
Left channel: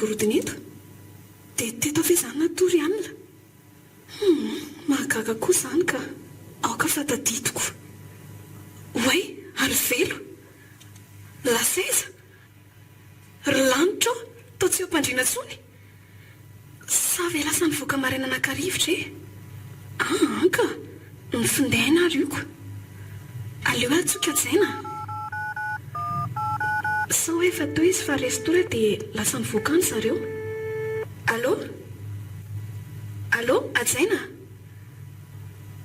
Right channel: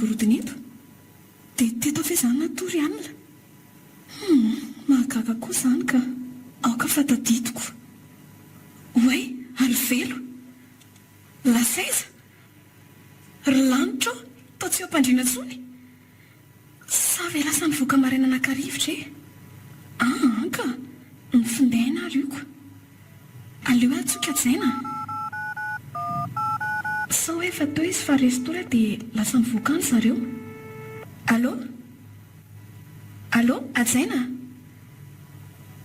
Gorodona eto dia teto avy izany natory alina mahagaga koa izany ka aoka fataditoko oay ary velo lasaiza ry lanitra tao tsy eo ampandriana tsony sa ve lasa nivoaka maraina anakarivotra e anka ny findaina ary ioko aleo atsoka jaina sa hoe efa teo izy fa restora dia lasa nivoaka any zareo. Allô? Allô? Ajaina?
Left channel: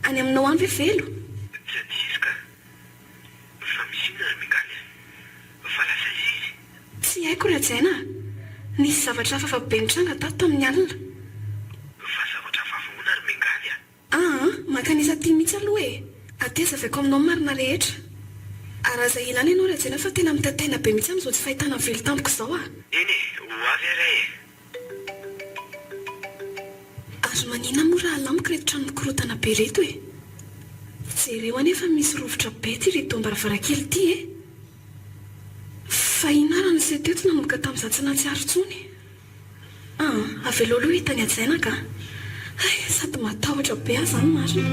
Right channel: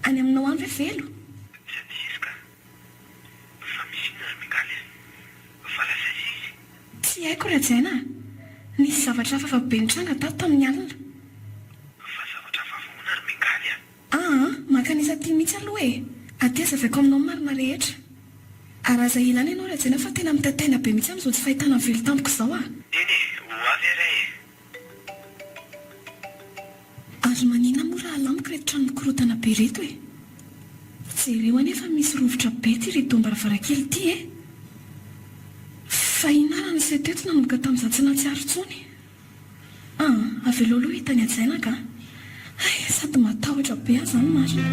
Any aminao any ve velo? Tsy adisika. Fa misy inona mingaly fa lasa izy. Tsy haiko ry Ajaina. Nisy zavatra hafa be nitranga tato tamin'ny alina. Fa zavatra hafa ahoana ry mingaly makanisa tia mihitsy aloha e. Ateza avy ako aminao marina rehetra. Araza ilana ianao ry Ajaina fa tena mitataina be mihitsy amin'izao tsy fahitana velo tampoko izao a. Eny e, ho avy aray e. Azo manina moa raha alamiko reto trano mikorotana be reto e. Jereo anefa misy rovotra be ty reto am-baravarankely ty e. Fa inarana izay teto nanomboka tamin'izaho tsy nahatsiaro intsony. Avy aloha aloha hitany Ajaina ka. Ay, sady matahotra be aza ny marina.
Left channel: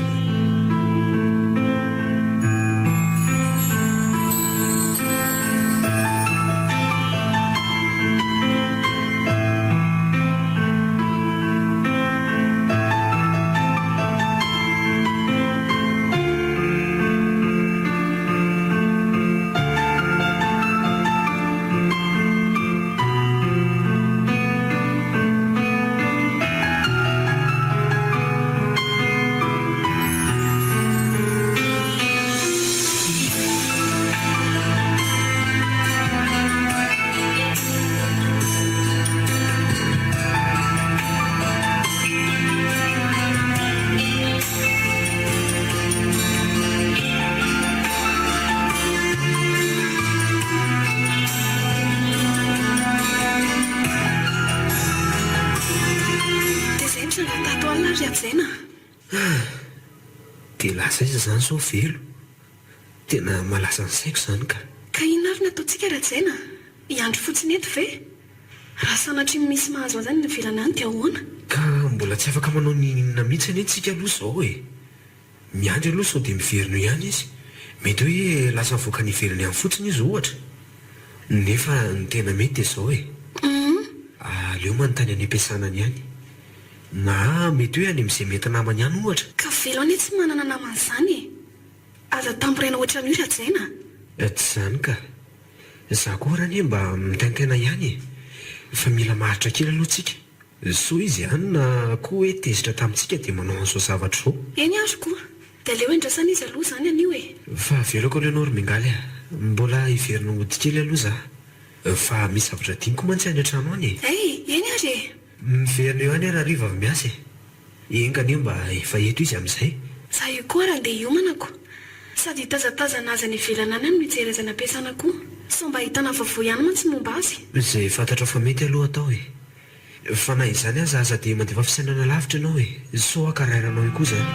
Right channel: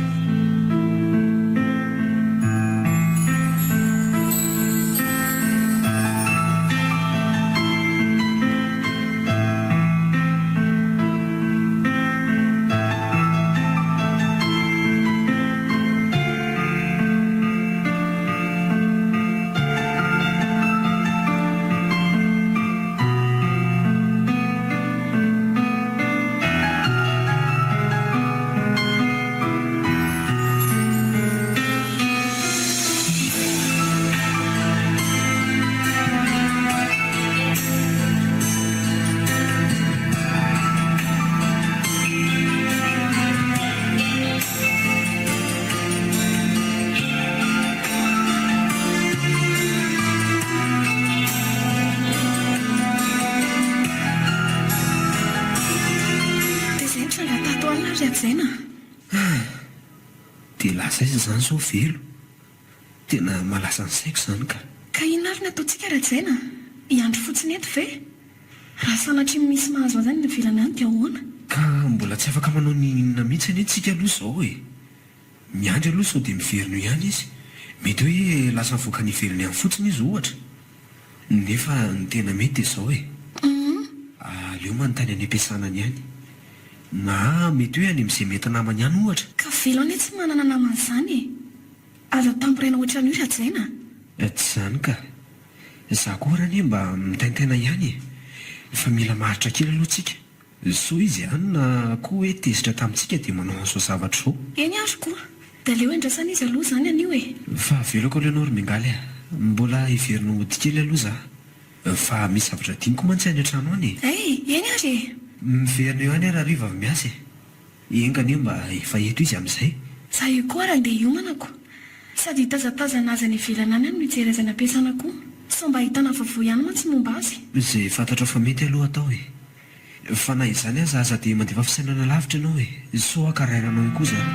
Dia lasa izy izany zao velo. Tena malasa ny saiko izany ka. Ka inarina ataontsika ry Ajaina? Iandro fotsiny eto ve? Raha sanatry misy mahazo an'izany ny ivelany any dia ahoana? Ka mbola tsy afaka manao ny inona mihitsy anie tsika aloha izao e. Miandry aloha sao dia miverina ihany izy. Mety hoe lasa mivoaka ny ivelany ihany fotsiny izy ohatra. Nefa ny tena mety dia izao e. Aleo manontany any am-piasanany ihany. Na mety hoe any amin'izay mety namany ihany ohatra. Ka velo anie tsy manana namana izany e. Aza tamporaina ohatran'io ry Ajaina? Tsy izany ka. Izaho koa raha anie mba mitaintaina ihany e. Fa mila maharitra kely aloha tsika. So izy ihany na koa hoe tezitra tamintsika dia manao an'izao zavatra izao. Eny azo koa. Dia aleo endrasana izy aloha izany anio e. Fa veloko aloha ianao ry mingaly a. Mbola hiverina hody kely aloha izaho. Fa misy zavatra diniko mantsy any an-trano any e. Eny ary e. Miverina eo any raha riva avy miasa e. Engany eo mba efa eto izy amin'izay. Za io koa raha andeha hiomanako. Sady hitazatazana azy any ivelana any no mijery azy any am-piasana koa. So mba hitana vaovao ihany mantsy momba azy. Izay fantatra fa mety aloha atao e. Fa na izany aza dia mandefa fisainana lavitra ianao e. So akarairanao io koa izany.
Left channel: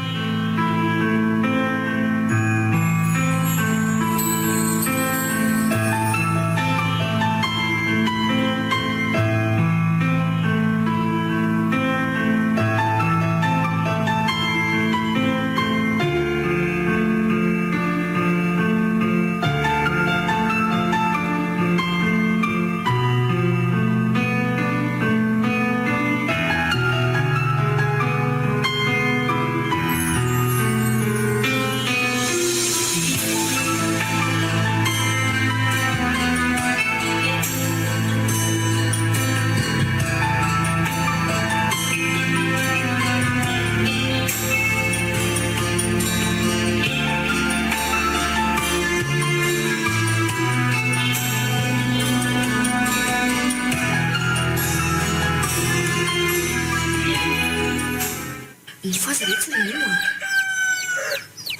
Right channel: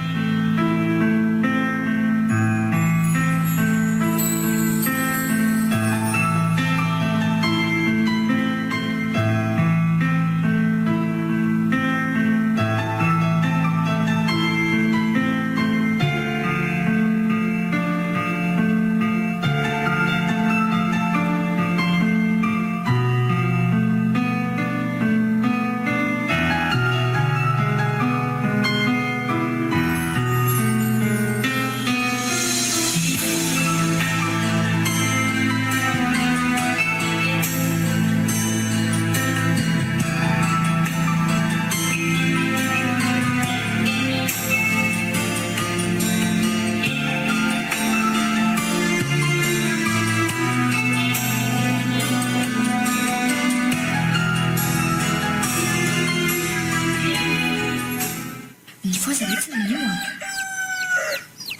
mihitsy ny ino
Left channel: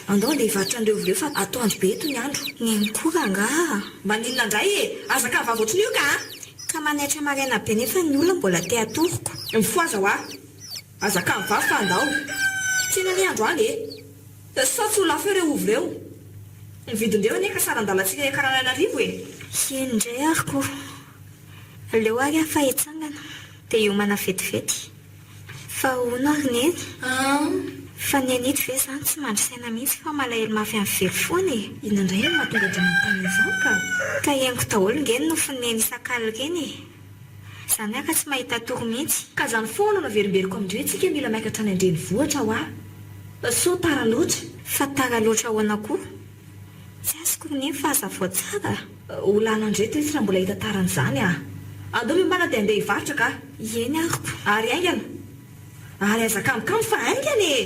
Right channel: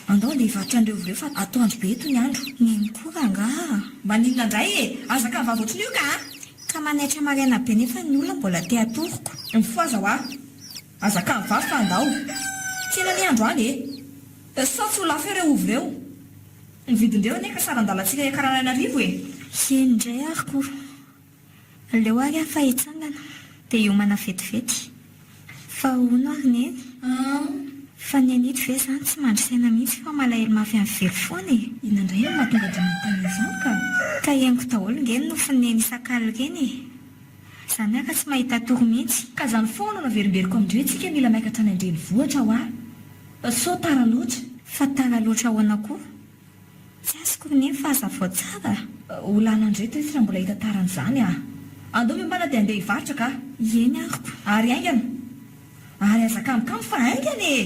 andao le hivaritra andreo vileo fa atoandro be eto ny andro ny mikora nga maninona indray e azaka ny vavaotriny io ka manaitra maraina be nefa ny olona mbola te atoroko mifoaza ho a azaka ny vavy fa andao tsena ny andro any e sa tsy ho lafo ireo ovy ireo ny vidindreo aneka saran-dalantsika ekarananarivo e indray ariko leo ary afa hitsangana dia iomana vetivety fa hono ary neny fa ny anety ve zany tsy mandrisaina mihitsy fa malahelo mafy amin'ny very foana e inandray no mahatonga dramantany izany ka henoko daholo ngeny no fineny isakalo reny e zany aka tsy mahita toro mihitsy ka zany foana no naverimberiko amindreo tsika mila maikatra ny andreny vohatra ho a so tara loatra fa tara loatra ahoana koa tsy azoko neny fa azavao tsara olanandre to tsy raha mbola hita taran'izany andao mimbana dia andeha hivaritra ka eny ariko ary aingana ary azakamikamo fa aingana e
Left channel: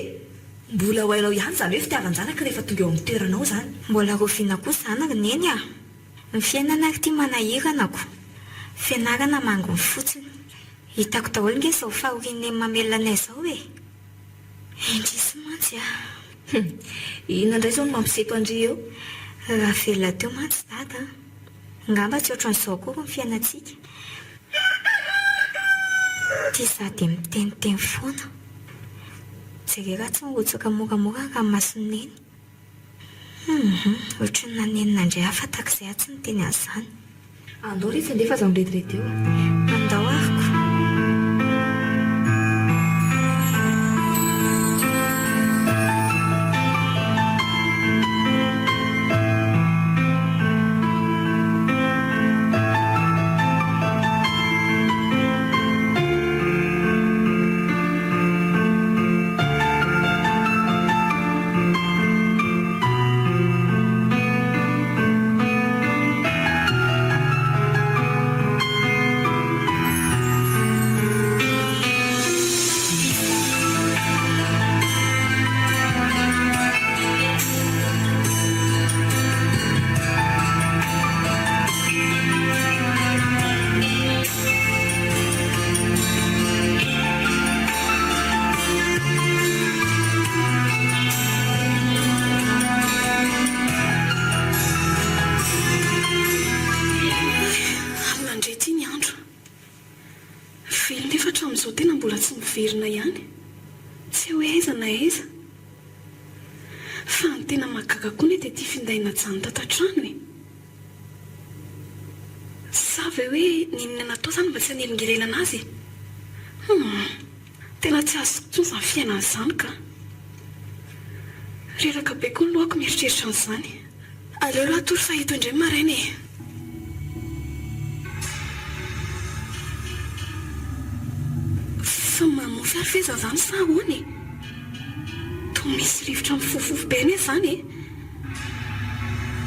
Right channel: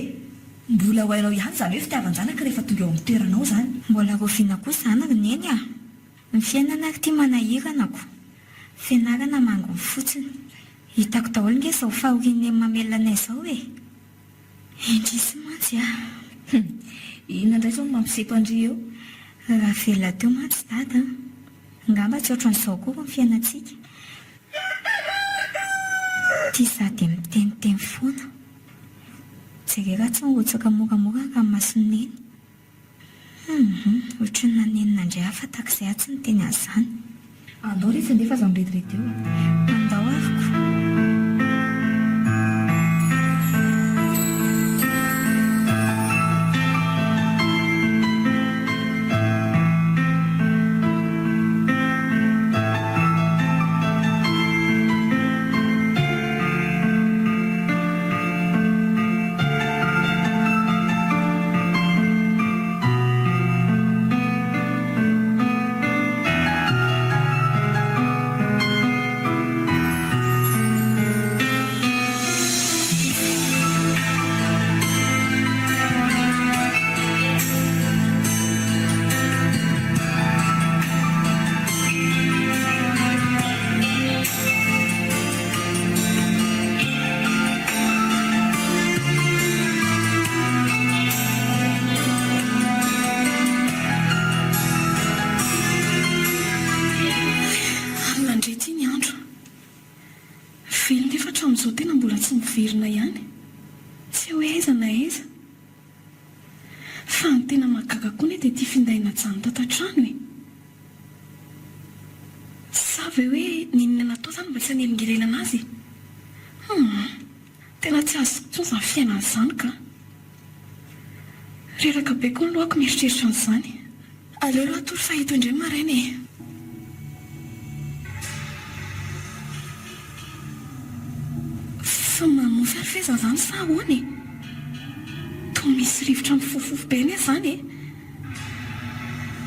mbola ho hainao ihany zany hoe fitiavan-janaka rehefa tonga eo amin'ny toeranao zany mbola roviana koa zany ry neny ny fiainana ary tia manahiranako fianarana mangony fotsiny hitako daholo nge zao fahorian'ny mamelona anay zao e indrisy mantsy inandray zao no mampiseto andry eo raha velona teo mantsy dada ngamba tsy ohatran'izao koa ny fiainantsika tia za dia miteniteny foana jereraha tsy mirotsaka moramora raha masoneny ohatra ny nanenina indray afatak'izay atsy ny teny an'izany andao retsy andefa aza miretirety eo andao ariko Amin'izao tena mbola tsy miverina ihany tsy hoe aiza na aiza fa ny tena mahagaga koa ny dia tia findaina jany tatantrano e sa ve hoe ninona natao zany mba tsy hanelingelelana azy tena tsy azoko tsony zany fiainana izany ka reraka be koa ny lohako mieritreritra an'izany aleo loha atory fahito indray maraina e mamofy ary feza zany sa ahoany to misy rivotra mifofofo be ny zany e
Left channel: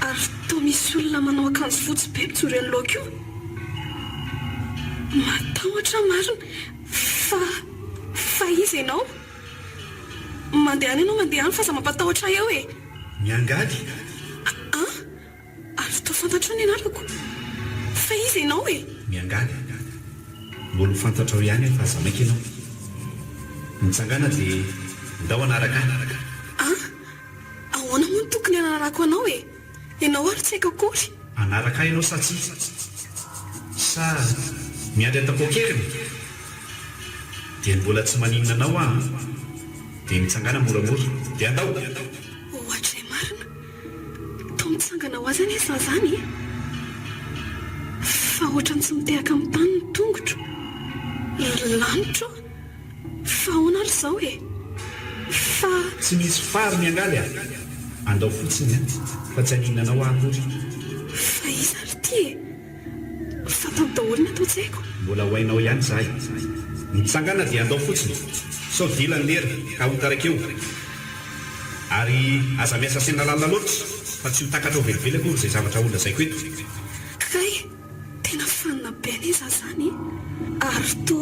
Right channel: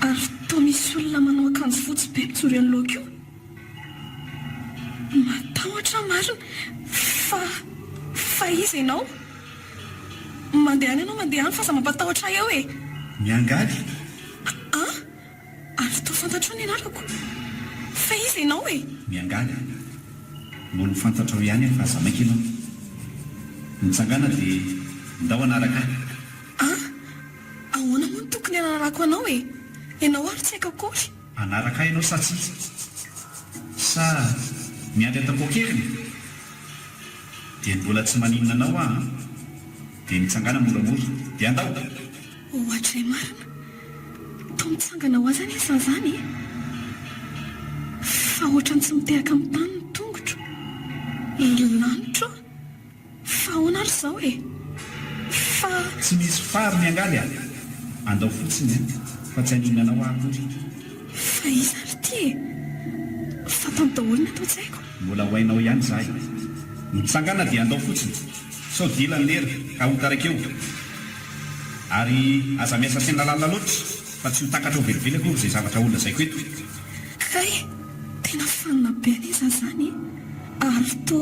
ary to misy olona manao akanjo fotsy be mitsory any laoko io matahotra marina fa izy ianao mandeha any ianao mandeha any fa za mampatahotra eo e miangaly ary to fantatro ny anarako fa izy ianao e miangaly mbola ho fantatrao ihany fa za maika ianao mitsangana dia ndao anaraka ahoana moa ny tokony anarako anao e ianao ary tsy haiko akory anaraka ianao sa tsy sa miandry atapokeriny dia mbola tsy maninona anao dia mitsangana moramora dia andao ohatra marina to mitsangana ho azy any esa zany fa ohatrany tsy mitehaka amin'ny tany ny tongotro lanitro fa ahoana ary izao e fa tsy misy fary miangaly andao fotsiny fa tsy haninona anao akory fa izy ary ty fa tany daholo ny atao tsy haiko mbola ho hainao ihany zahay mitsangana dia andao fotsiny sao dila ny lera ka hotaraka eo ary aza miasa sena lalina loatra fa tsy ho takatra ho velively akory izay zavatra olona zay ko eto kay tena fanina be an'iza zany ary to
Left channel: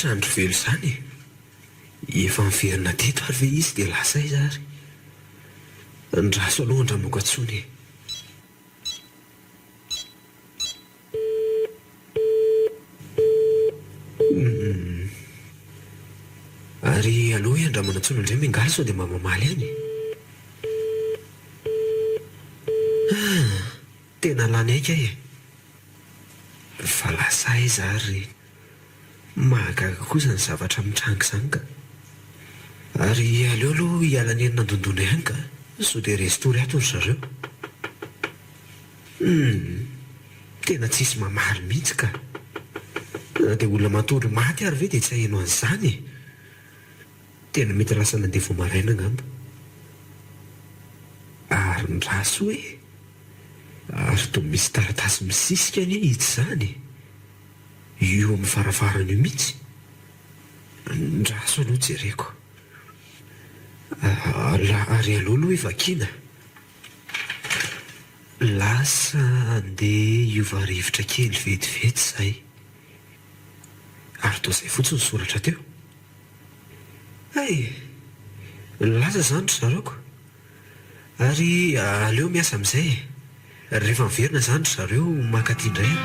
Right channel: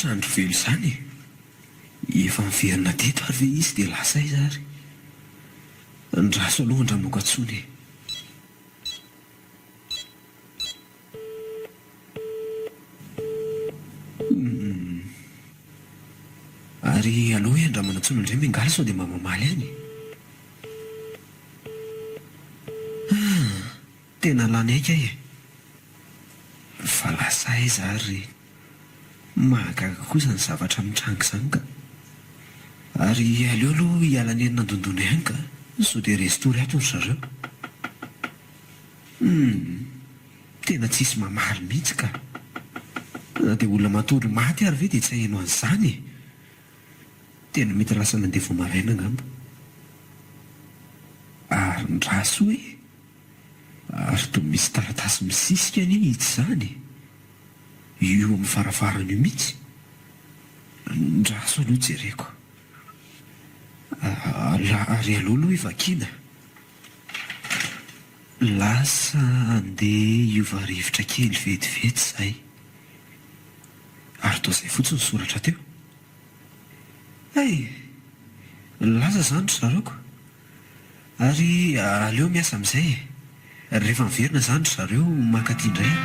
mahazatra andro velo izany. Efa miverina teto ary ve izy dia lasa izy ary. Ndraso aloha andramoko antsony. Ary aloha hoe andramana antsony indray mingaly sao dia mba mamaly any. Tena lany aika e. Fa lasa izy ary mahagaga kosa ny zavatra mitrango izany ka. Ary aleo aloha hialany eny nandondona ihany ka, sao dia restory ato ny zareo. Tena tsisy mamaly mihitsy ka. Na dia olona matory maty ary ve dia tsy haheno an'izany e. Tena mety lasa nandeha vao maraina angamba. Ary ndraso hoe, ary toa misy taratasy misisika anie hitsy izany. Io amin'ny farafarana io mihitsy. Ndraso aloha jereko. Ary aloha aloha evakina. Lasa andeha hiova rivotra kely vetivety izay. Ary toa izay fotsiny soratra teo. Lasa izany ry zareoko. Ary aleo miasa amin'izay. Rehefa miverina izany ry zareo mankaty indray.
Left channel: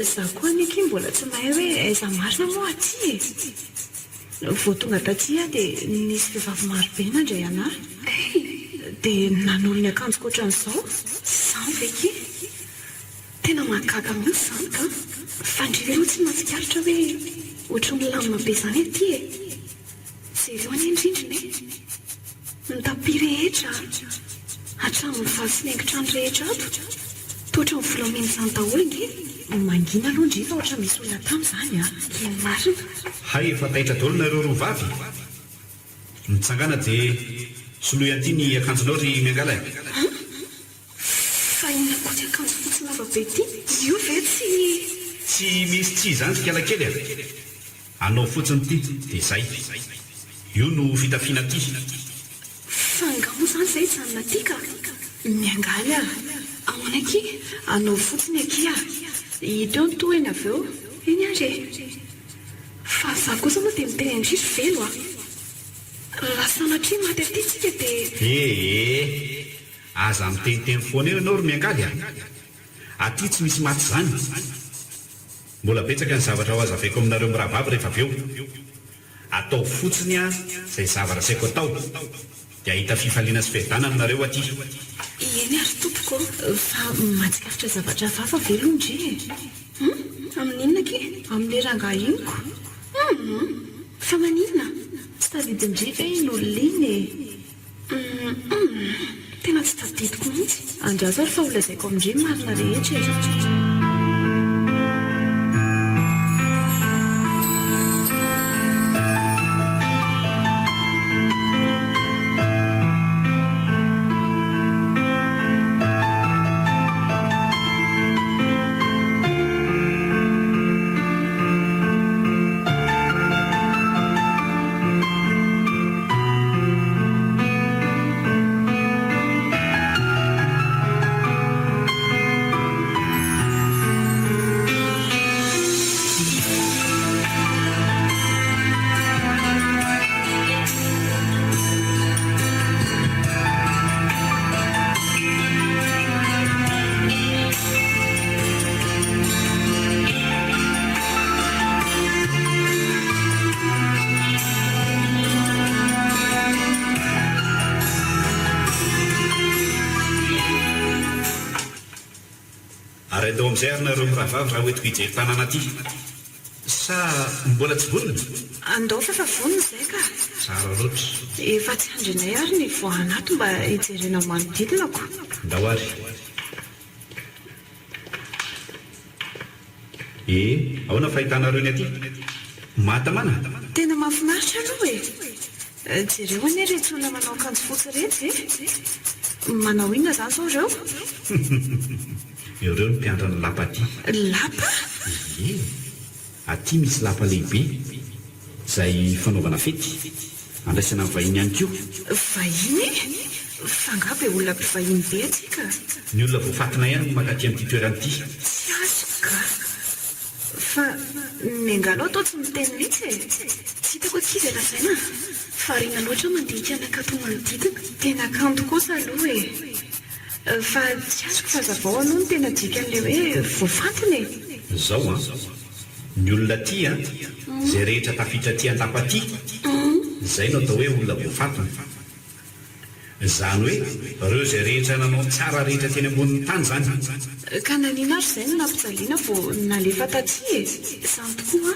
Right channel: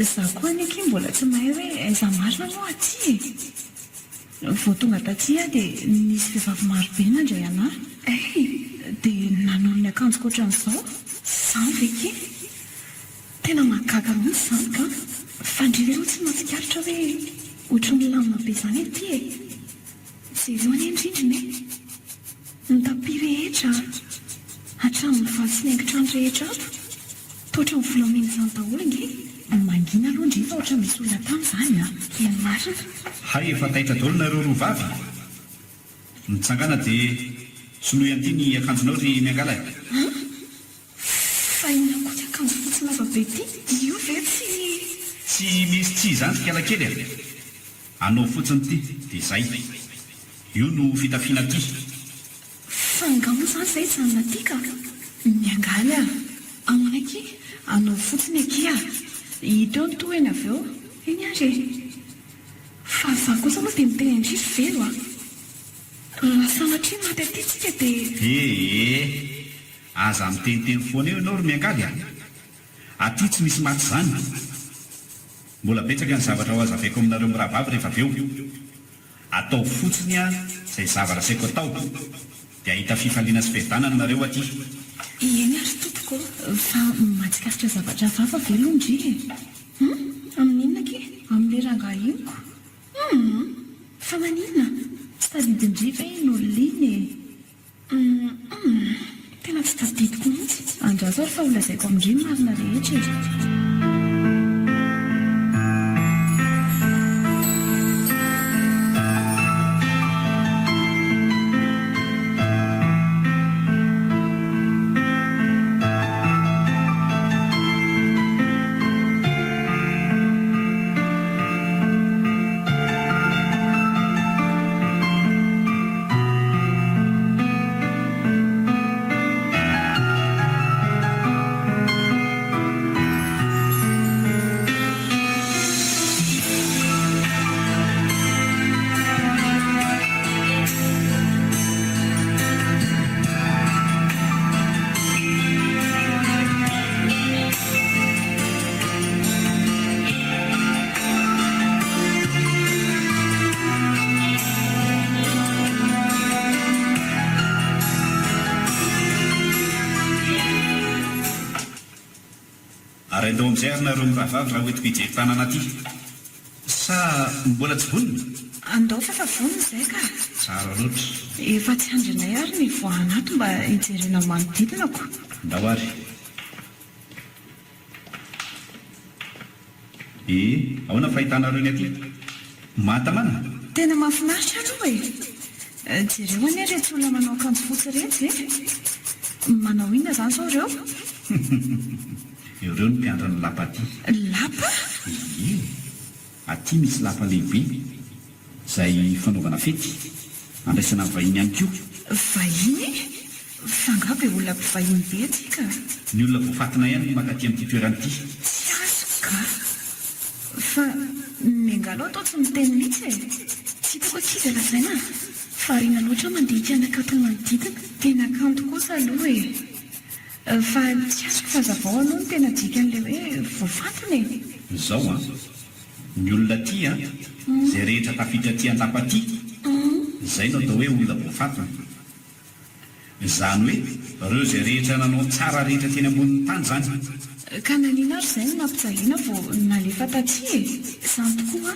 Za koa neky mbola tsy mahay hoe aiza marina moa aty e. Vao tonga taty dia nisy vehivavy marobe nandray anahy. Dia nanolo ny akanjoko ohatran'izao. Izany veky. Tena mahagaga mihitsy izany ka. Fandriva aloha tsy mahatsikaritra hoe ohatra milamina be izany aty e. Jereo any indrindrina e. Ny tapy rehetra, hatramin'ny vazy sy ny haingon-trano rehetra ato. Toatra ny volamena izany daholo nge. Mangina aloha ndrifa ohatra misy olona tamin'izany a. Iny marina. Hay efa taitra daholo nareo roa vavy. Mitsangana dia soloy anty ny akanjonao ry miangala. Fa inona koa ty akanjo fotsy lava be ity? Io ve tsy misy tsy izany kela kely a. Anao fotsiny ty dia izay. Io no fitafiana ty. Fa angamba izany izay janona ty ka. Miangaly a. Amanaki, anao fotsiny aky a. Hita eo ny tohany avy eo. Eny ary. Fa za kosa moa dia miteny indrisy velo a. Raha sanatria maty aty tsika dia... Aza miteniteny foana eo ianao ry miangaly a. Aty tsy misy maty izany. Mbola betsaka ny zavatra ho azavaiko aminareo mirahavavy rehefa avy eo. Atao fotsiny a izay zavatra saiko atao. Dia ahita fifaliana sy fiadana aminareo aty. Eny ary tompoko. Fa mahatsikaritra zavatra vafa velo ndry e. Amin'inona ke? Amin'ny rangahiniko. Fa maninona? Tsy tadidin-dry ve iny olona iny e? Tena tsy tadidiko mihitsy. Andraso ary fa olazaiko amindry marina rehetra e. ary andao amin'izay ary nareo miravavy raha hoetiko hijery tanàna aty sa mbola tsy vonona andao fa efa vonona izay ka tsara loatra efa tsy andrinay ary ny voanato mba hijerena manodidinako ndao ary ahoana fahitanareo ny aty mahatamana tena mahafinaritra aloha jereo anie rehetra olona manao akanjo fotsy rehetra manao inona izany sao ireo ireo ny mpiandrany lapa aty lapa aty misy lapa lehibe izay fanaovana fety andraisana ny vahiny ihany koa vahiny fangabe olona mpivahiny be atsika ny olona voafatina ihany no maka aty amin'ity toeranyity tsy azoka fa miangalo atao tsy miteny mihitsy tsy hitako akizy lazaina farina loatra mandeha hikianakato manodidina tena kanto kosa aloha fa tsy azoko fazavao aloha no tena dika an'ilay hoe voafatiny izao ny olona aty izay rehetra tafitra aty an-lapa aty izay no atao hoe olona voafatiny izany hoe ireo izay rehetra nanao tsara rehetra teny ambonin'ny tany izany ka nanina ary izay no nampijaliana vao nalefa taty izany tokoa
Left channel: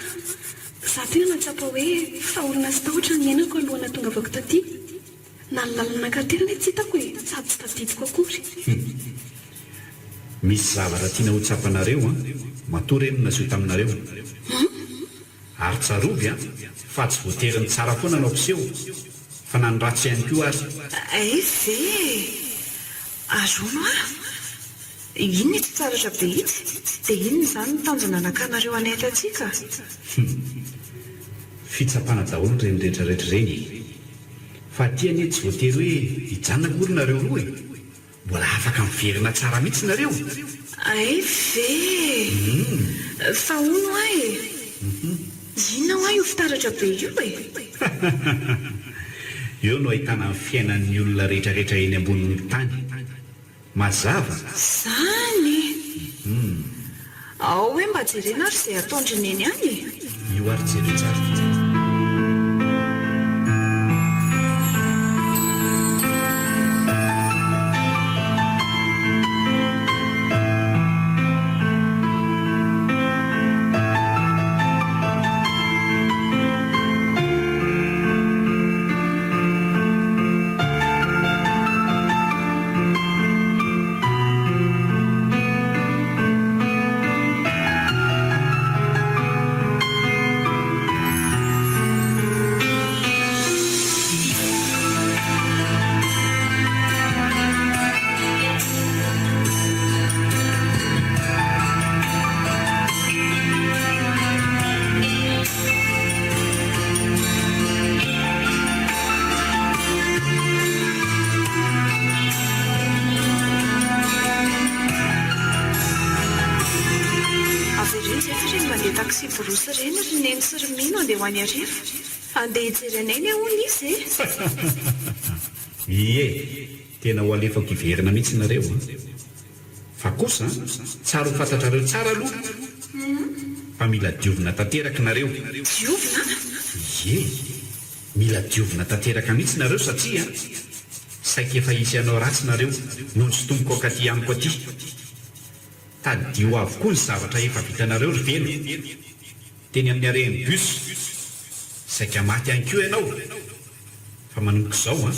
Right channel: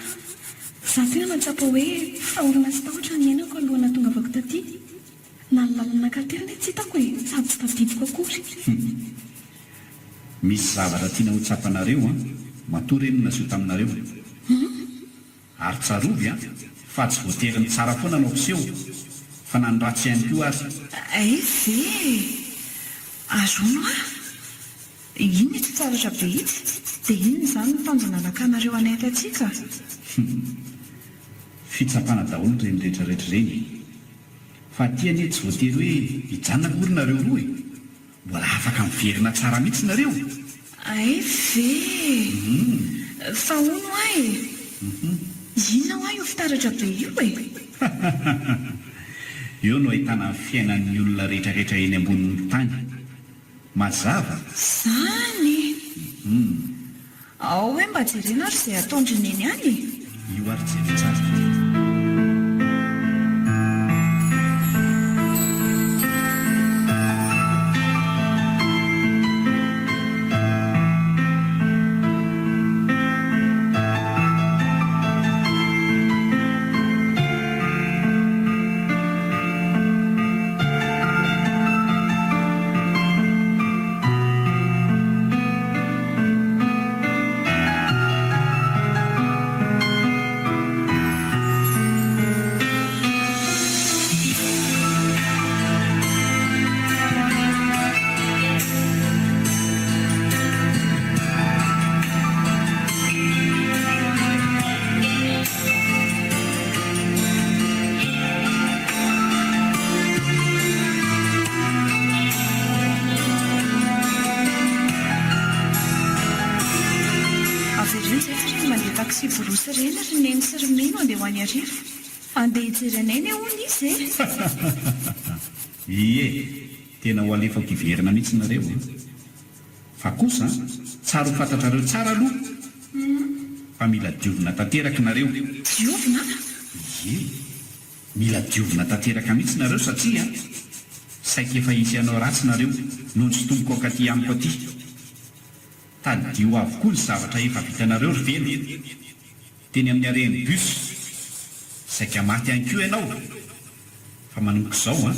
za tena natsapa hoe faorina sy tahotra ny ainako alohana tonga avako taty na ny lalana katerina tsy hitako sady tsy tadidiko akory misy zavatra tiana ho tsapanareo matory eny naseho taminareo ary tsarovy fa tsy voateriny tsara foana anao mpiseho fa na ny ratsy ihany koa ary ve azono iny tsy tsaratra be itsy dia inony izany ny tanjona nakanareo anaity atsika fitsapana daholo ny reny rehetrarehetra ireny fa ty anie tsy voatery hoe hijanona kory nareo roa mbola afaka miverina tsara mihitsy nareo ve fa ono inona ho io fitaratra be io eo no ahitana ny fiainan'ny olona rehetrarehetra eny ambonin'ny tany mazava zany ao hoe mba jerena ary izay ataondrineny any io ary jery tsara taxi borosy reny ry neny sy romino andeha ho any arivo andeha hijerenay hono izy tena ho alefako hiverina mihitsy nareo fa kosa tsara ho fantatrareo tsara aloha fa mila diovina tanteraka nareo diovina mila diovina tanteraka mihitsy nareo satria saika efa isy anao ratsy nareo noho ny sotomboko akaty amiko aty tadio avokoa ny zavatra efa vitanareo ry velo teny amin'ny areny bus saika maty ihany koa ianao fa manomboka izao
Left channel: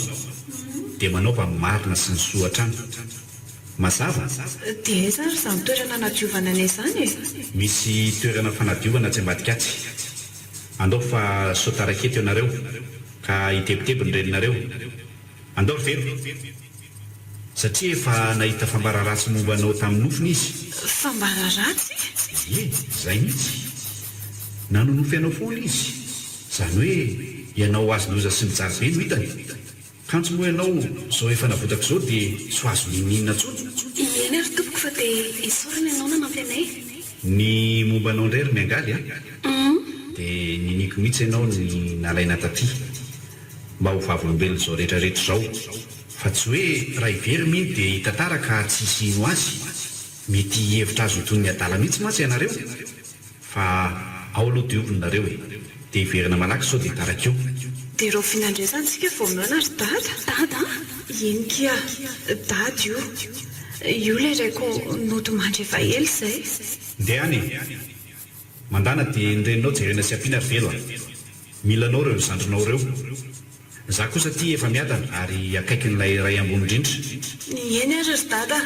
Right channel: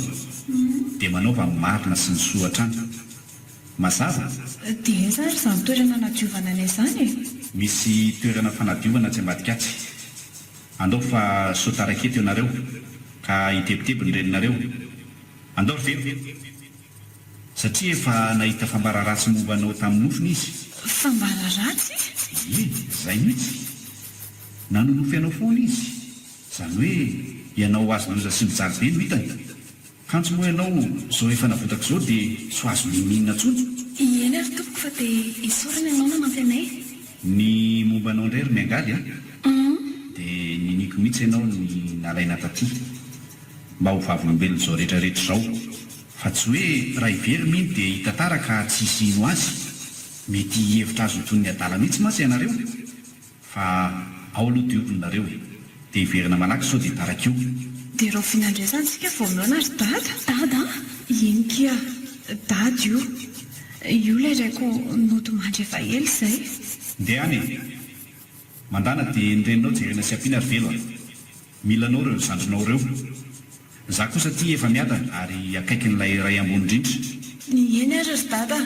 dia manaova marina sy ny soatrany mazava dia zary izany toerana nadiovana anay izany misy toerana fanadiovana tsy ambadikatsy andao fa sotarakety eo nareo ka hitebitebiny reninareo andao ry velo satria efa nahita fambararatsy momba anao tamin'ny nofony izy fambararatsy izay mihitsy nanonofy ianao foana izy izany hoe ianao azo loza sy mijaly be no hitany kantsy moa ianao izao efa navotako izao dia so azo nininina ntsony eny ary tompoko fa dia isorana ianao nanampy anay ny momba anao indray ry miangaly dia niniko mihitsy ianao ny nalaina taty mba ho vavolombelona izao rehetrarehetra izao fa tsy hoe raha ivery miny dia hitantara ka tsy isino azy mety hevitra azo toy ny adala mihitsy mantsy ianareo fa ao aloha diovinareo dia hiverina malaky sao dia tarak'io dia ireo finandraisantsika vao mihona ry dada dada eny kia dady io io ilay raiko notomandry efa ely izay. ndeha any mandana dia nyreninao jerena sy ampiana ry velo a mila anao ireo zandrinao ireo za kosa tia efa miadana ary akaiky n'ilay ray ambony indrindra. Eny ary ry dada.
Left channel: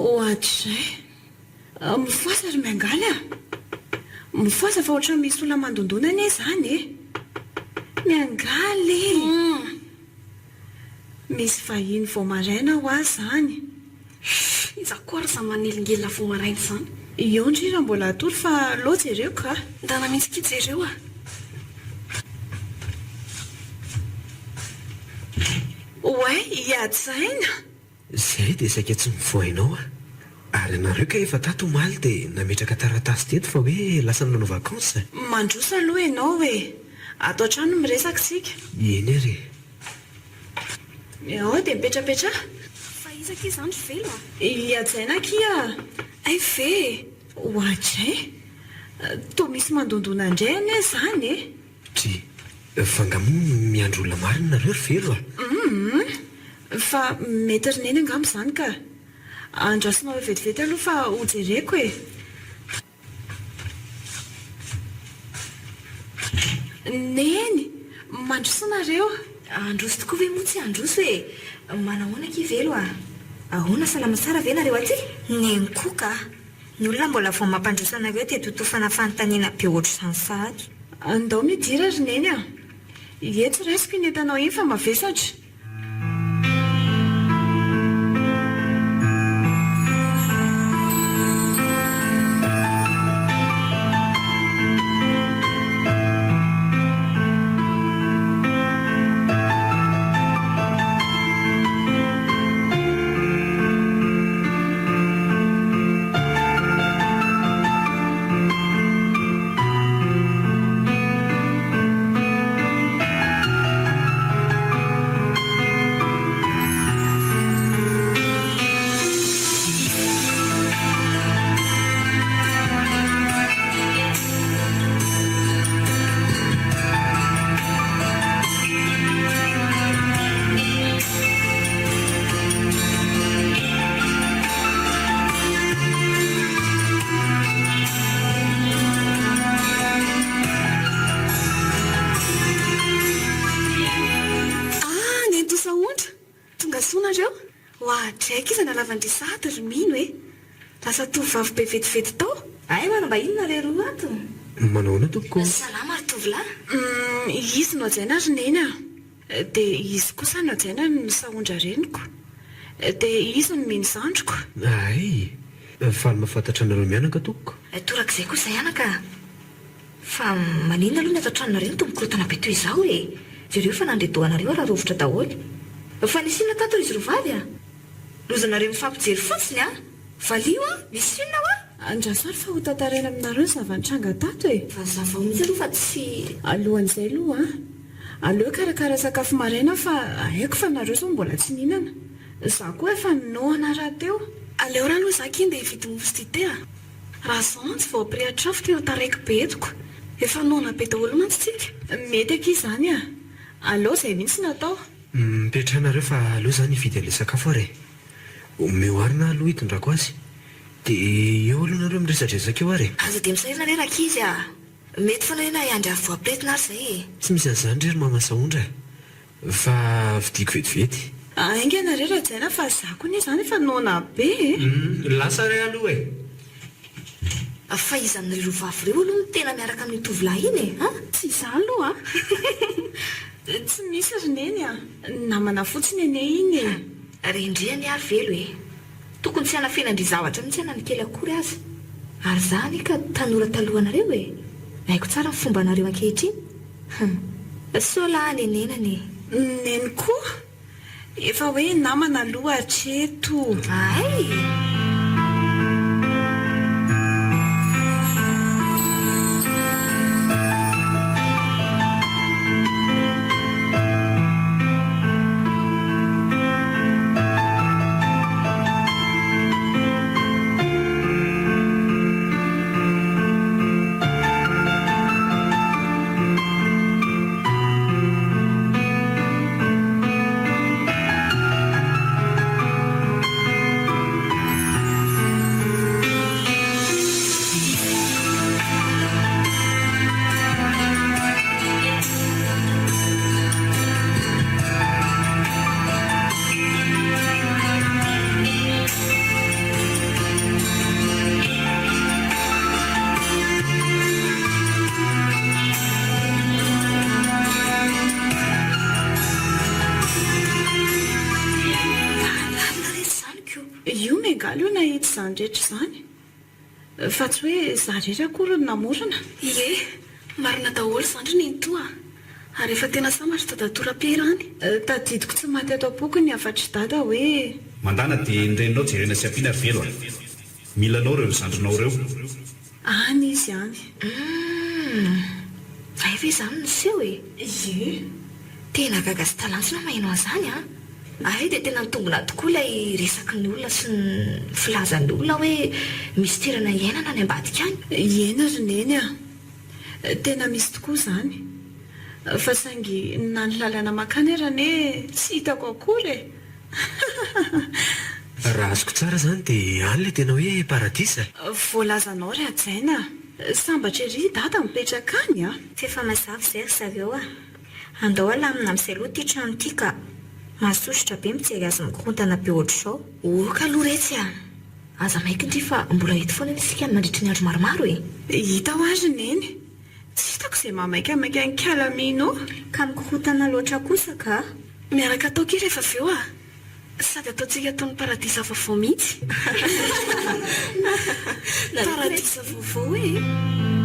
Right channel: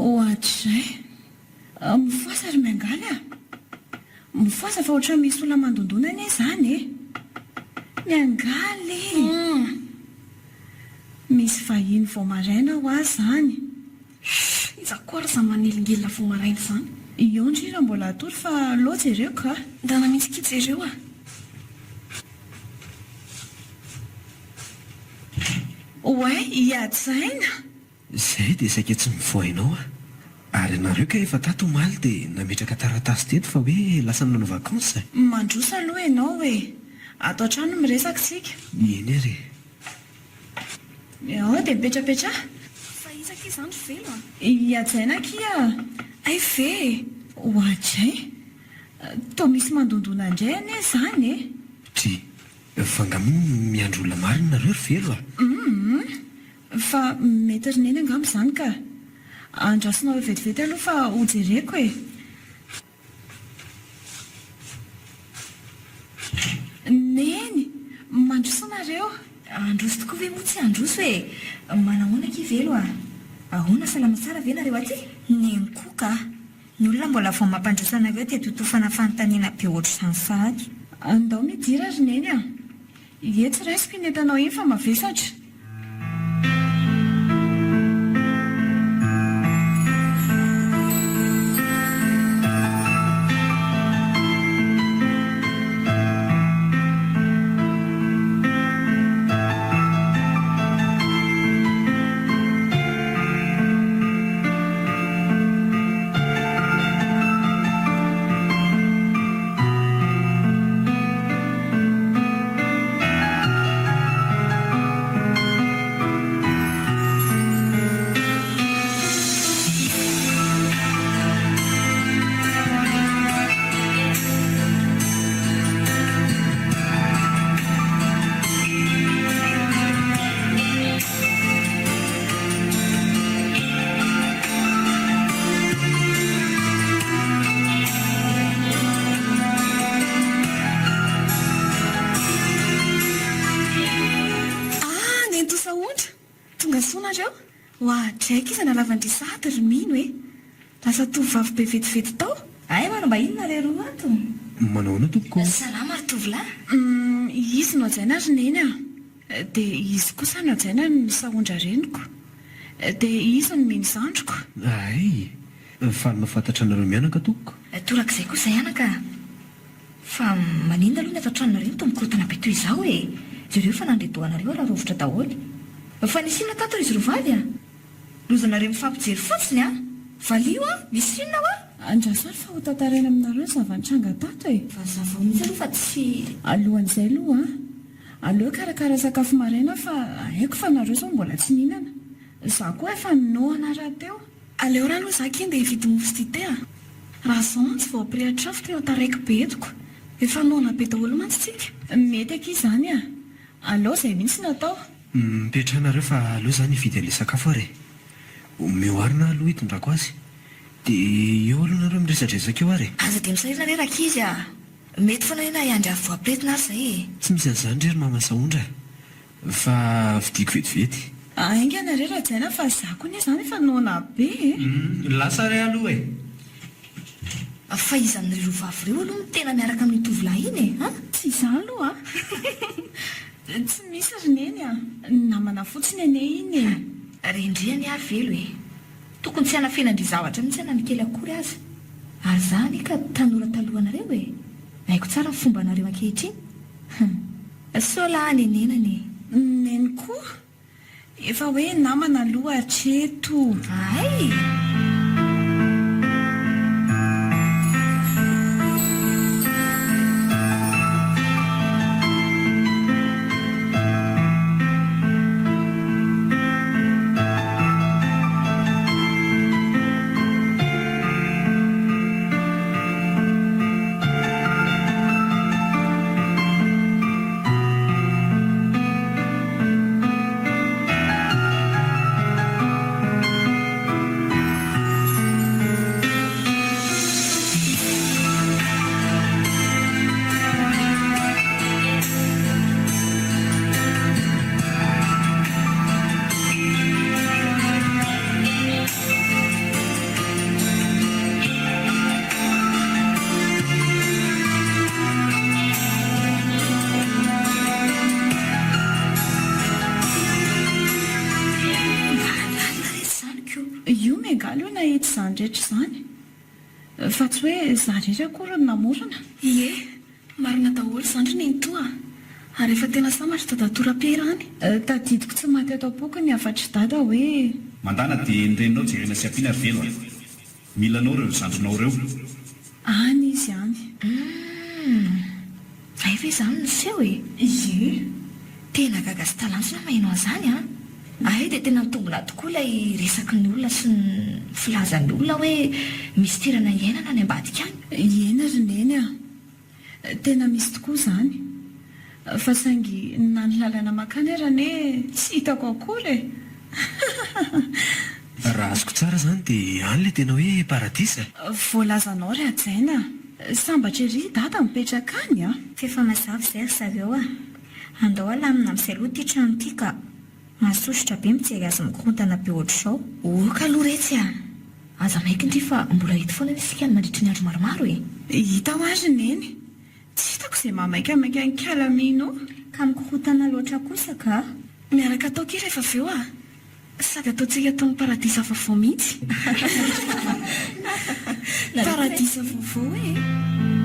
Ohatrizay mifoasa ry miangaly a mifoasa fa ohatran'ny misy olona mandondonana e zany e miangaly misy vahiny vao maraina ho azy zany. Izako ary za manelingely vao maraina izany. Io ndrindra mbola atory fa loatra ireo ka. Ndana mitsikitsy ireo a. Oay hiady-saina. Izay dia saika tsy mivoainao a. Ary nareo ka efa tato omaly dia nametraka taratasy teto fa hoe lasa nanao vakansa. Mandrosa aloha ianao e. Ato an-trano miresaka sika. Eny ary. Ao dia mipetrapetra. Fa izaka izany velo a. Hiady-saina kia. Ay ve. Ohatrizay. Toa misy mandondona indray anie zany e. Tri, fangamo miandro olona marina nareo ry velo a. Fa mety ry neny angamba izany ka. Andrasonao e vetivety aloha fa hojereko e. Neny, mandroso nareo. Androso tokoa ve moa tsy androso e. Manahoana ki velo a. Ahoana salama tsara ve nareo aty? Neny koa ka. Ny olona mbola vao mampandroso anareo dia totofana fanontaniana be ohatr'izany fahaky. Andao midira ry neny a. Etsy raisiko iny entanao iny fa mavesatra. Ohatray iza nalavandrisahatra ry mino e. Lasa tovovavy be vetivety tao. Ay manamba ino nareo roa ato. Manahoana tompoko? Salama ry tovolahy. Izy no ajaina ry neny a. Dia izy kosa no ajaina ny sahondra reniko. Dia izy no mino zandriko. Ay, faly mahafantatra anareo mianaka tompoko. Torak'izay kosa ianaka. Fa maninona aloha ny ato an-tranonareo tombokorotana be toy izao e. Jereo fa nandredohanareo raha rovitra daholo. Fa nisy inona tato izy rovavy a. Lozanareo mifampijery fotsiny a. Valio a, misy inona ho a. Andrasary fa ho tantaraina aminareo zava-nitranga tato e. Fa zava mihitsy aloha fa tsy. Alohan'izay aloha aleo karakara sakafo maraina fa haiko fa nareo zao mbola tsy nihinana. Za koa efa noana raha teo. Aleo raha aloha zaka iny dia hividy mofo dite a. Raha zao mantsy vao ampirehatra tena taraiky be etoko. Efa noana be daholo mantsy tsika. Mety aky izany a. Aleo izay mihitsy natao. Mipetrahanareo fa aleo zany hividy an'ilay sakafo ary. Mioarina aloha hitondrako azy. Dia eo aloha nareo miresadresaka eo ary. Aza dia misahirana reraka izy a. Mety foana hoe na iandry voapretina ary izay e. Tsy misy an'izany rery mama sahondra. Fa vidiako vetivety. aingana re rajaina fa zako ny izany efa noana be lasa ray aloha e. Fa izan'ireo rovavy ireo aloha no tena miaraka amin'ny tovolahy iny e, a? tsy izany aloha tsy misy rineny a namana fotsiny ane iny e. Rendriany ah velo e. Tokony tsy hanafenandry zavatra mitsy ana ny kely akory azy. Ary zany ka tanora talohanareo e. Haiko tsara ny fomba anareo ankehitriny. Sola nenenany. Neny koa efa hoe namana aloha hatreto. Ay! io megalo io nahitsy izany rehetra izany fa tsy hoe zarera akory ny namorona. Ie, marina daholo zandry ny toa. Ary efa tena samatra tadatora-perany. Tadidiko tsy maty ato am-poko ny afatry dada hoe mandana dia nyreninao jerena sy ampiana velo a. Milanao reo zandrinao reo. any izy any. Ay ve izany no seho e. Ie, Tena gaga sy talansona maheno an'izany a. Ay dia tena nitombona tokoa ilay resaky ny olona sy ny filazan'ny olona hoe misy tirana iainana any ambadika any. iena rineny a tena misy tokoa izany fa saingy na ny lalana makany arane tsy hitako akory e. Raha azoko tsara zany dia any le tena hoe paradisa. voalazanao ry ajaina sambatra ery dada mipetraka any a. Fefa mazava izay ry zareo a. Andao alamina amin'izay aloha ity trano ity ka mahasosotra be mijery azy mikorontana be ohatr'izao. Oka aloha retsy a. Aza maika indry fa mbola hita foana isika ny mandritry ny andro maromaro e. hita ho azy neny tsy hitako izay mahamaikamaika ny kalamino. Ka mikorontana loatra kosa ka. Miaraka atao kely rehefa avy eo a. Sady ataontsika ataon'ny paradisa vaovao mihitsy. Paradisa vaovao e.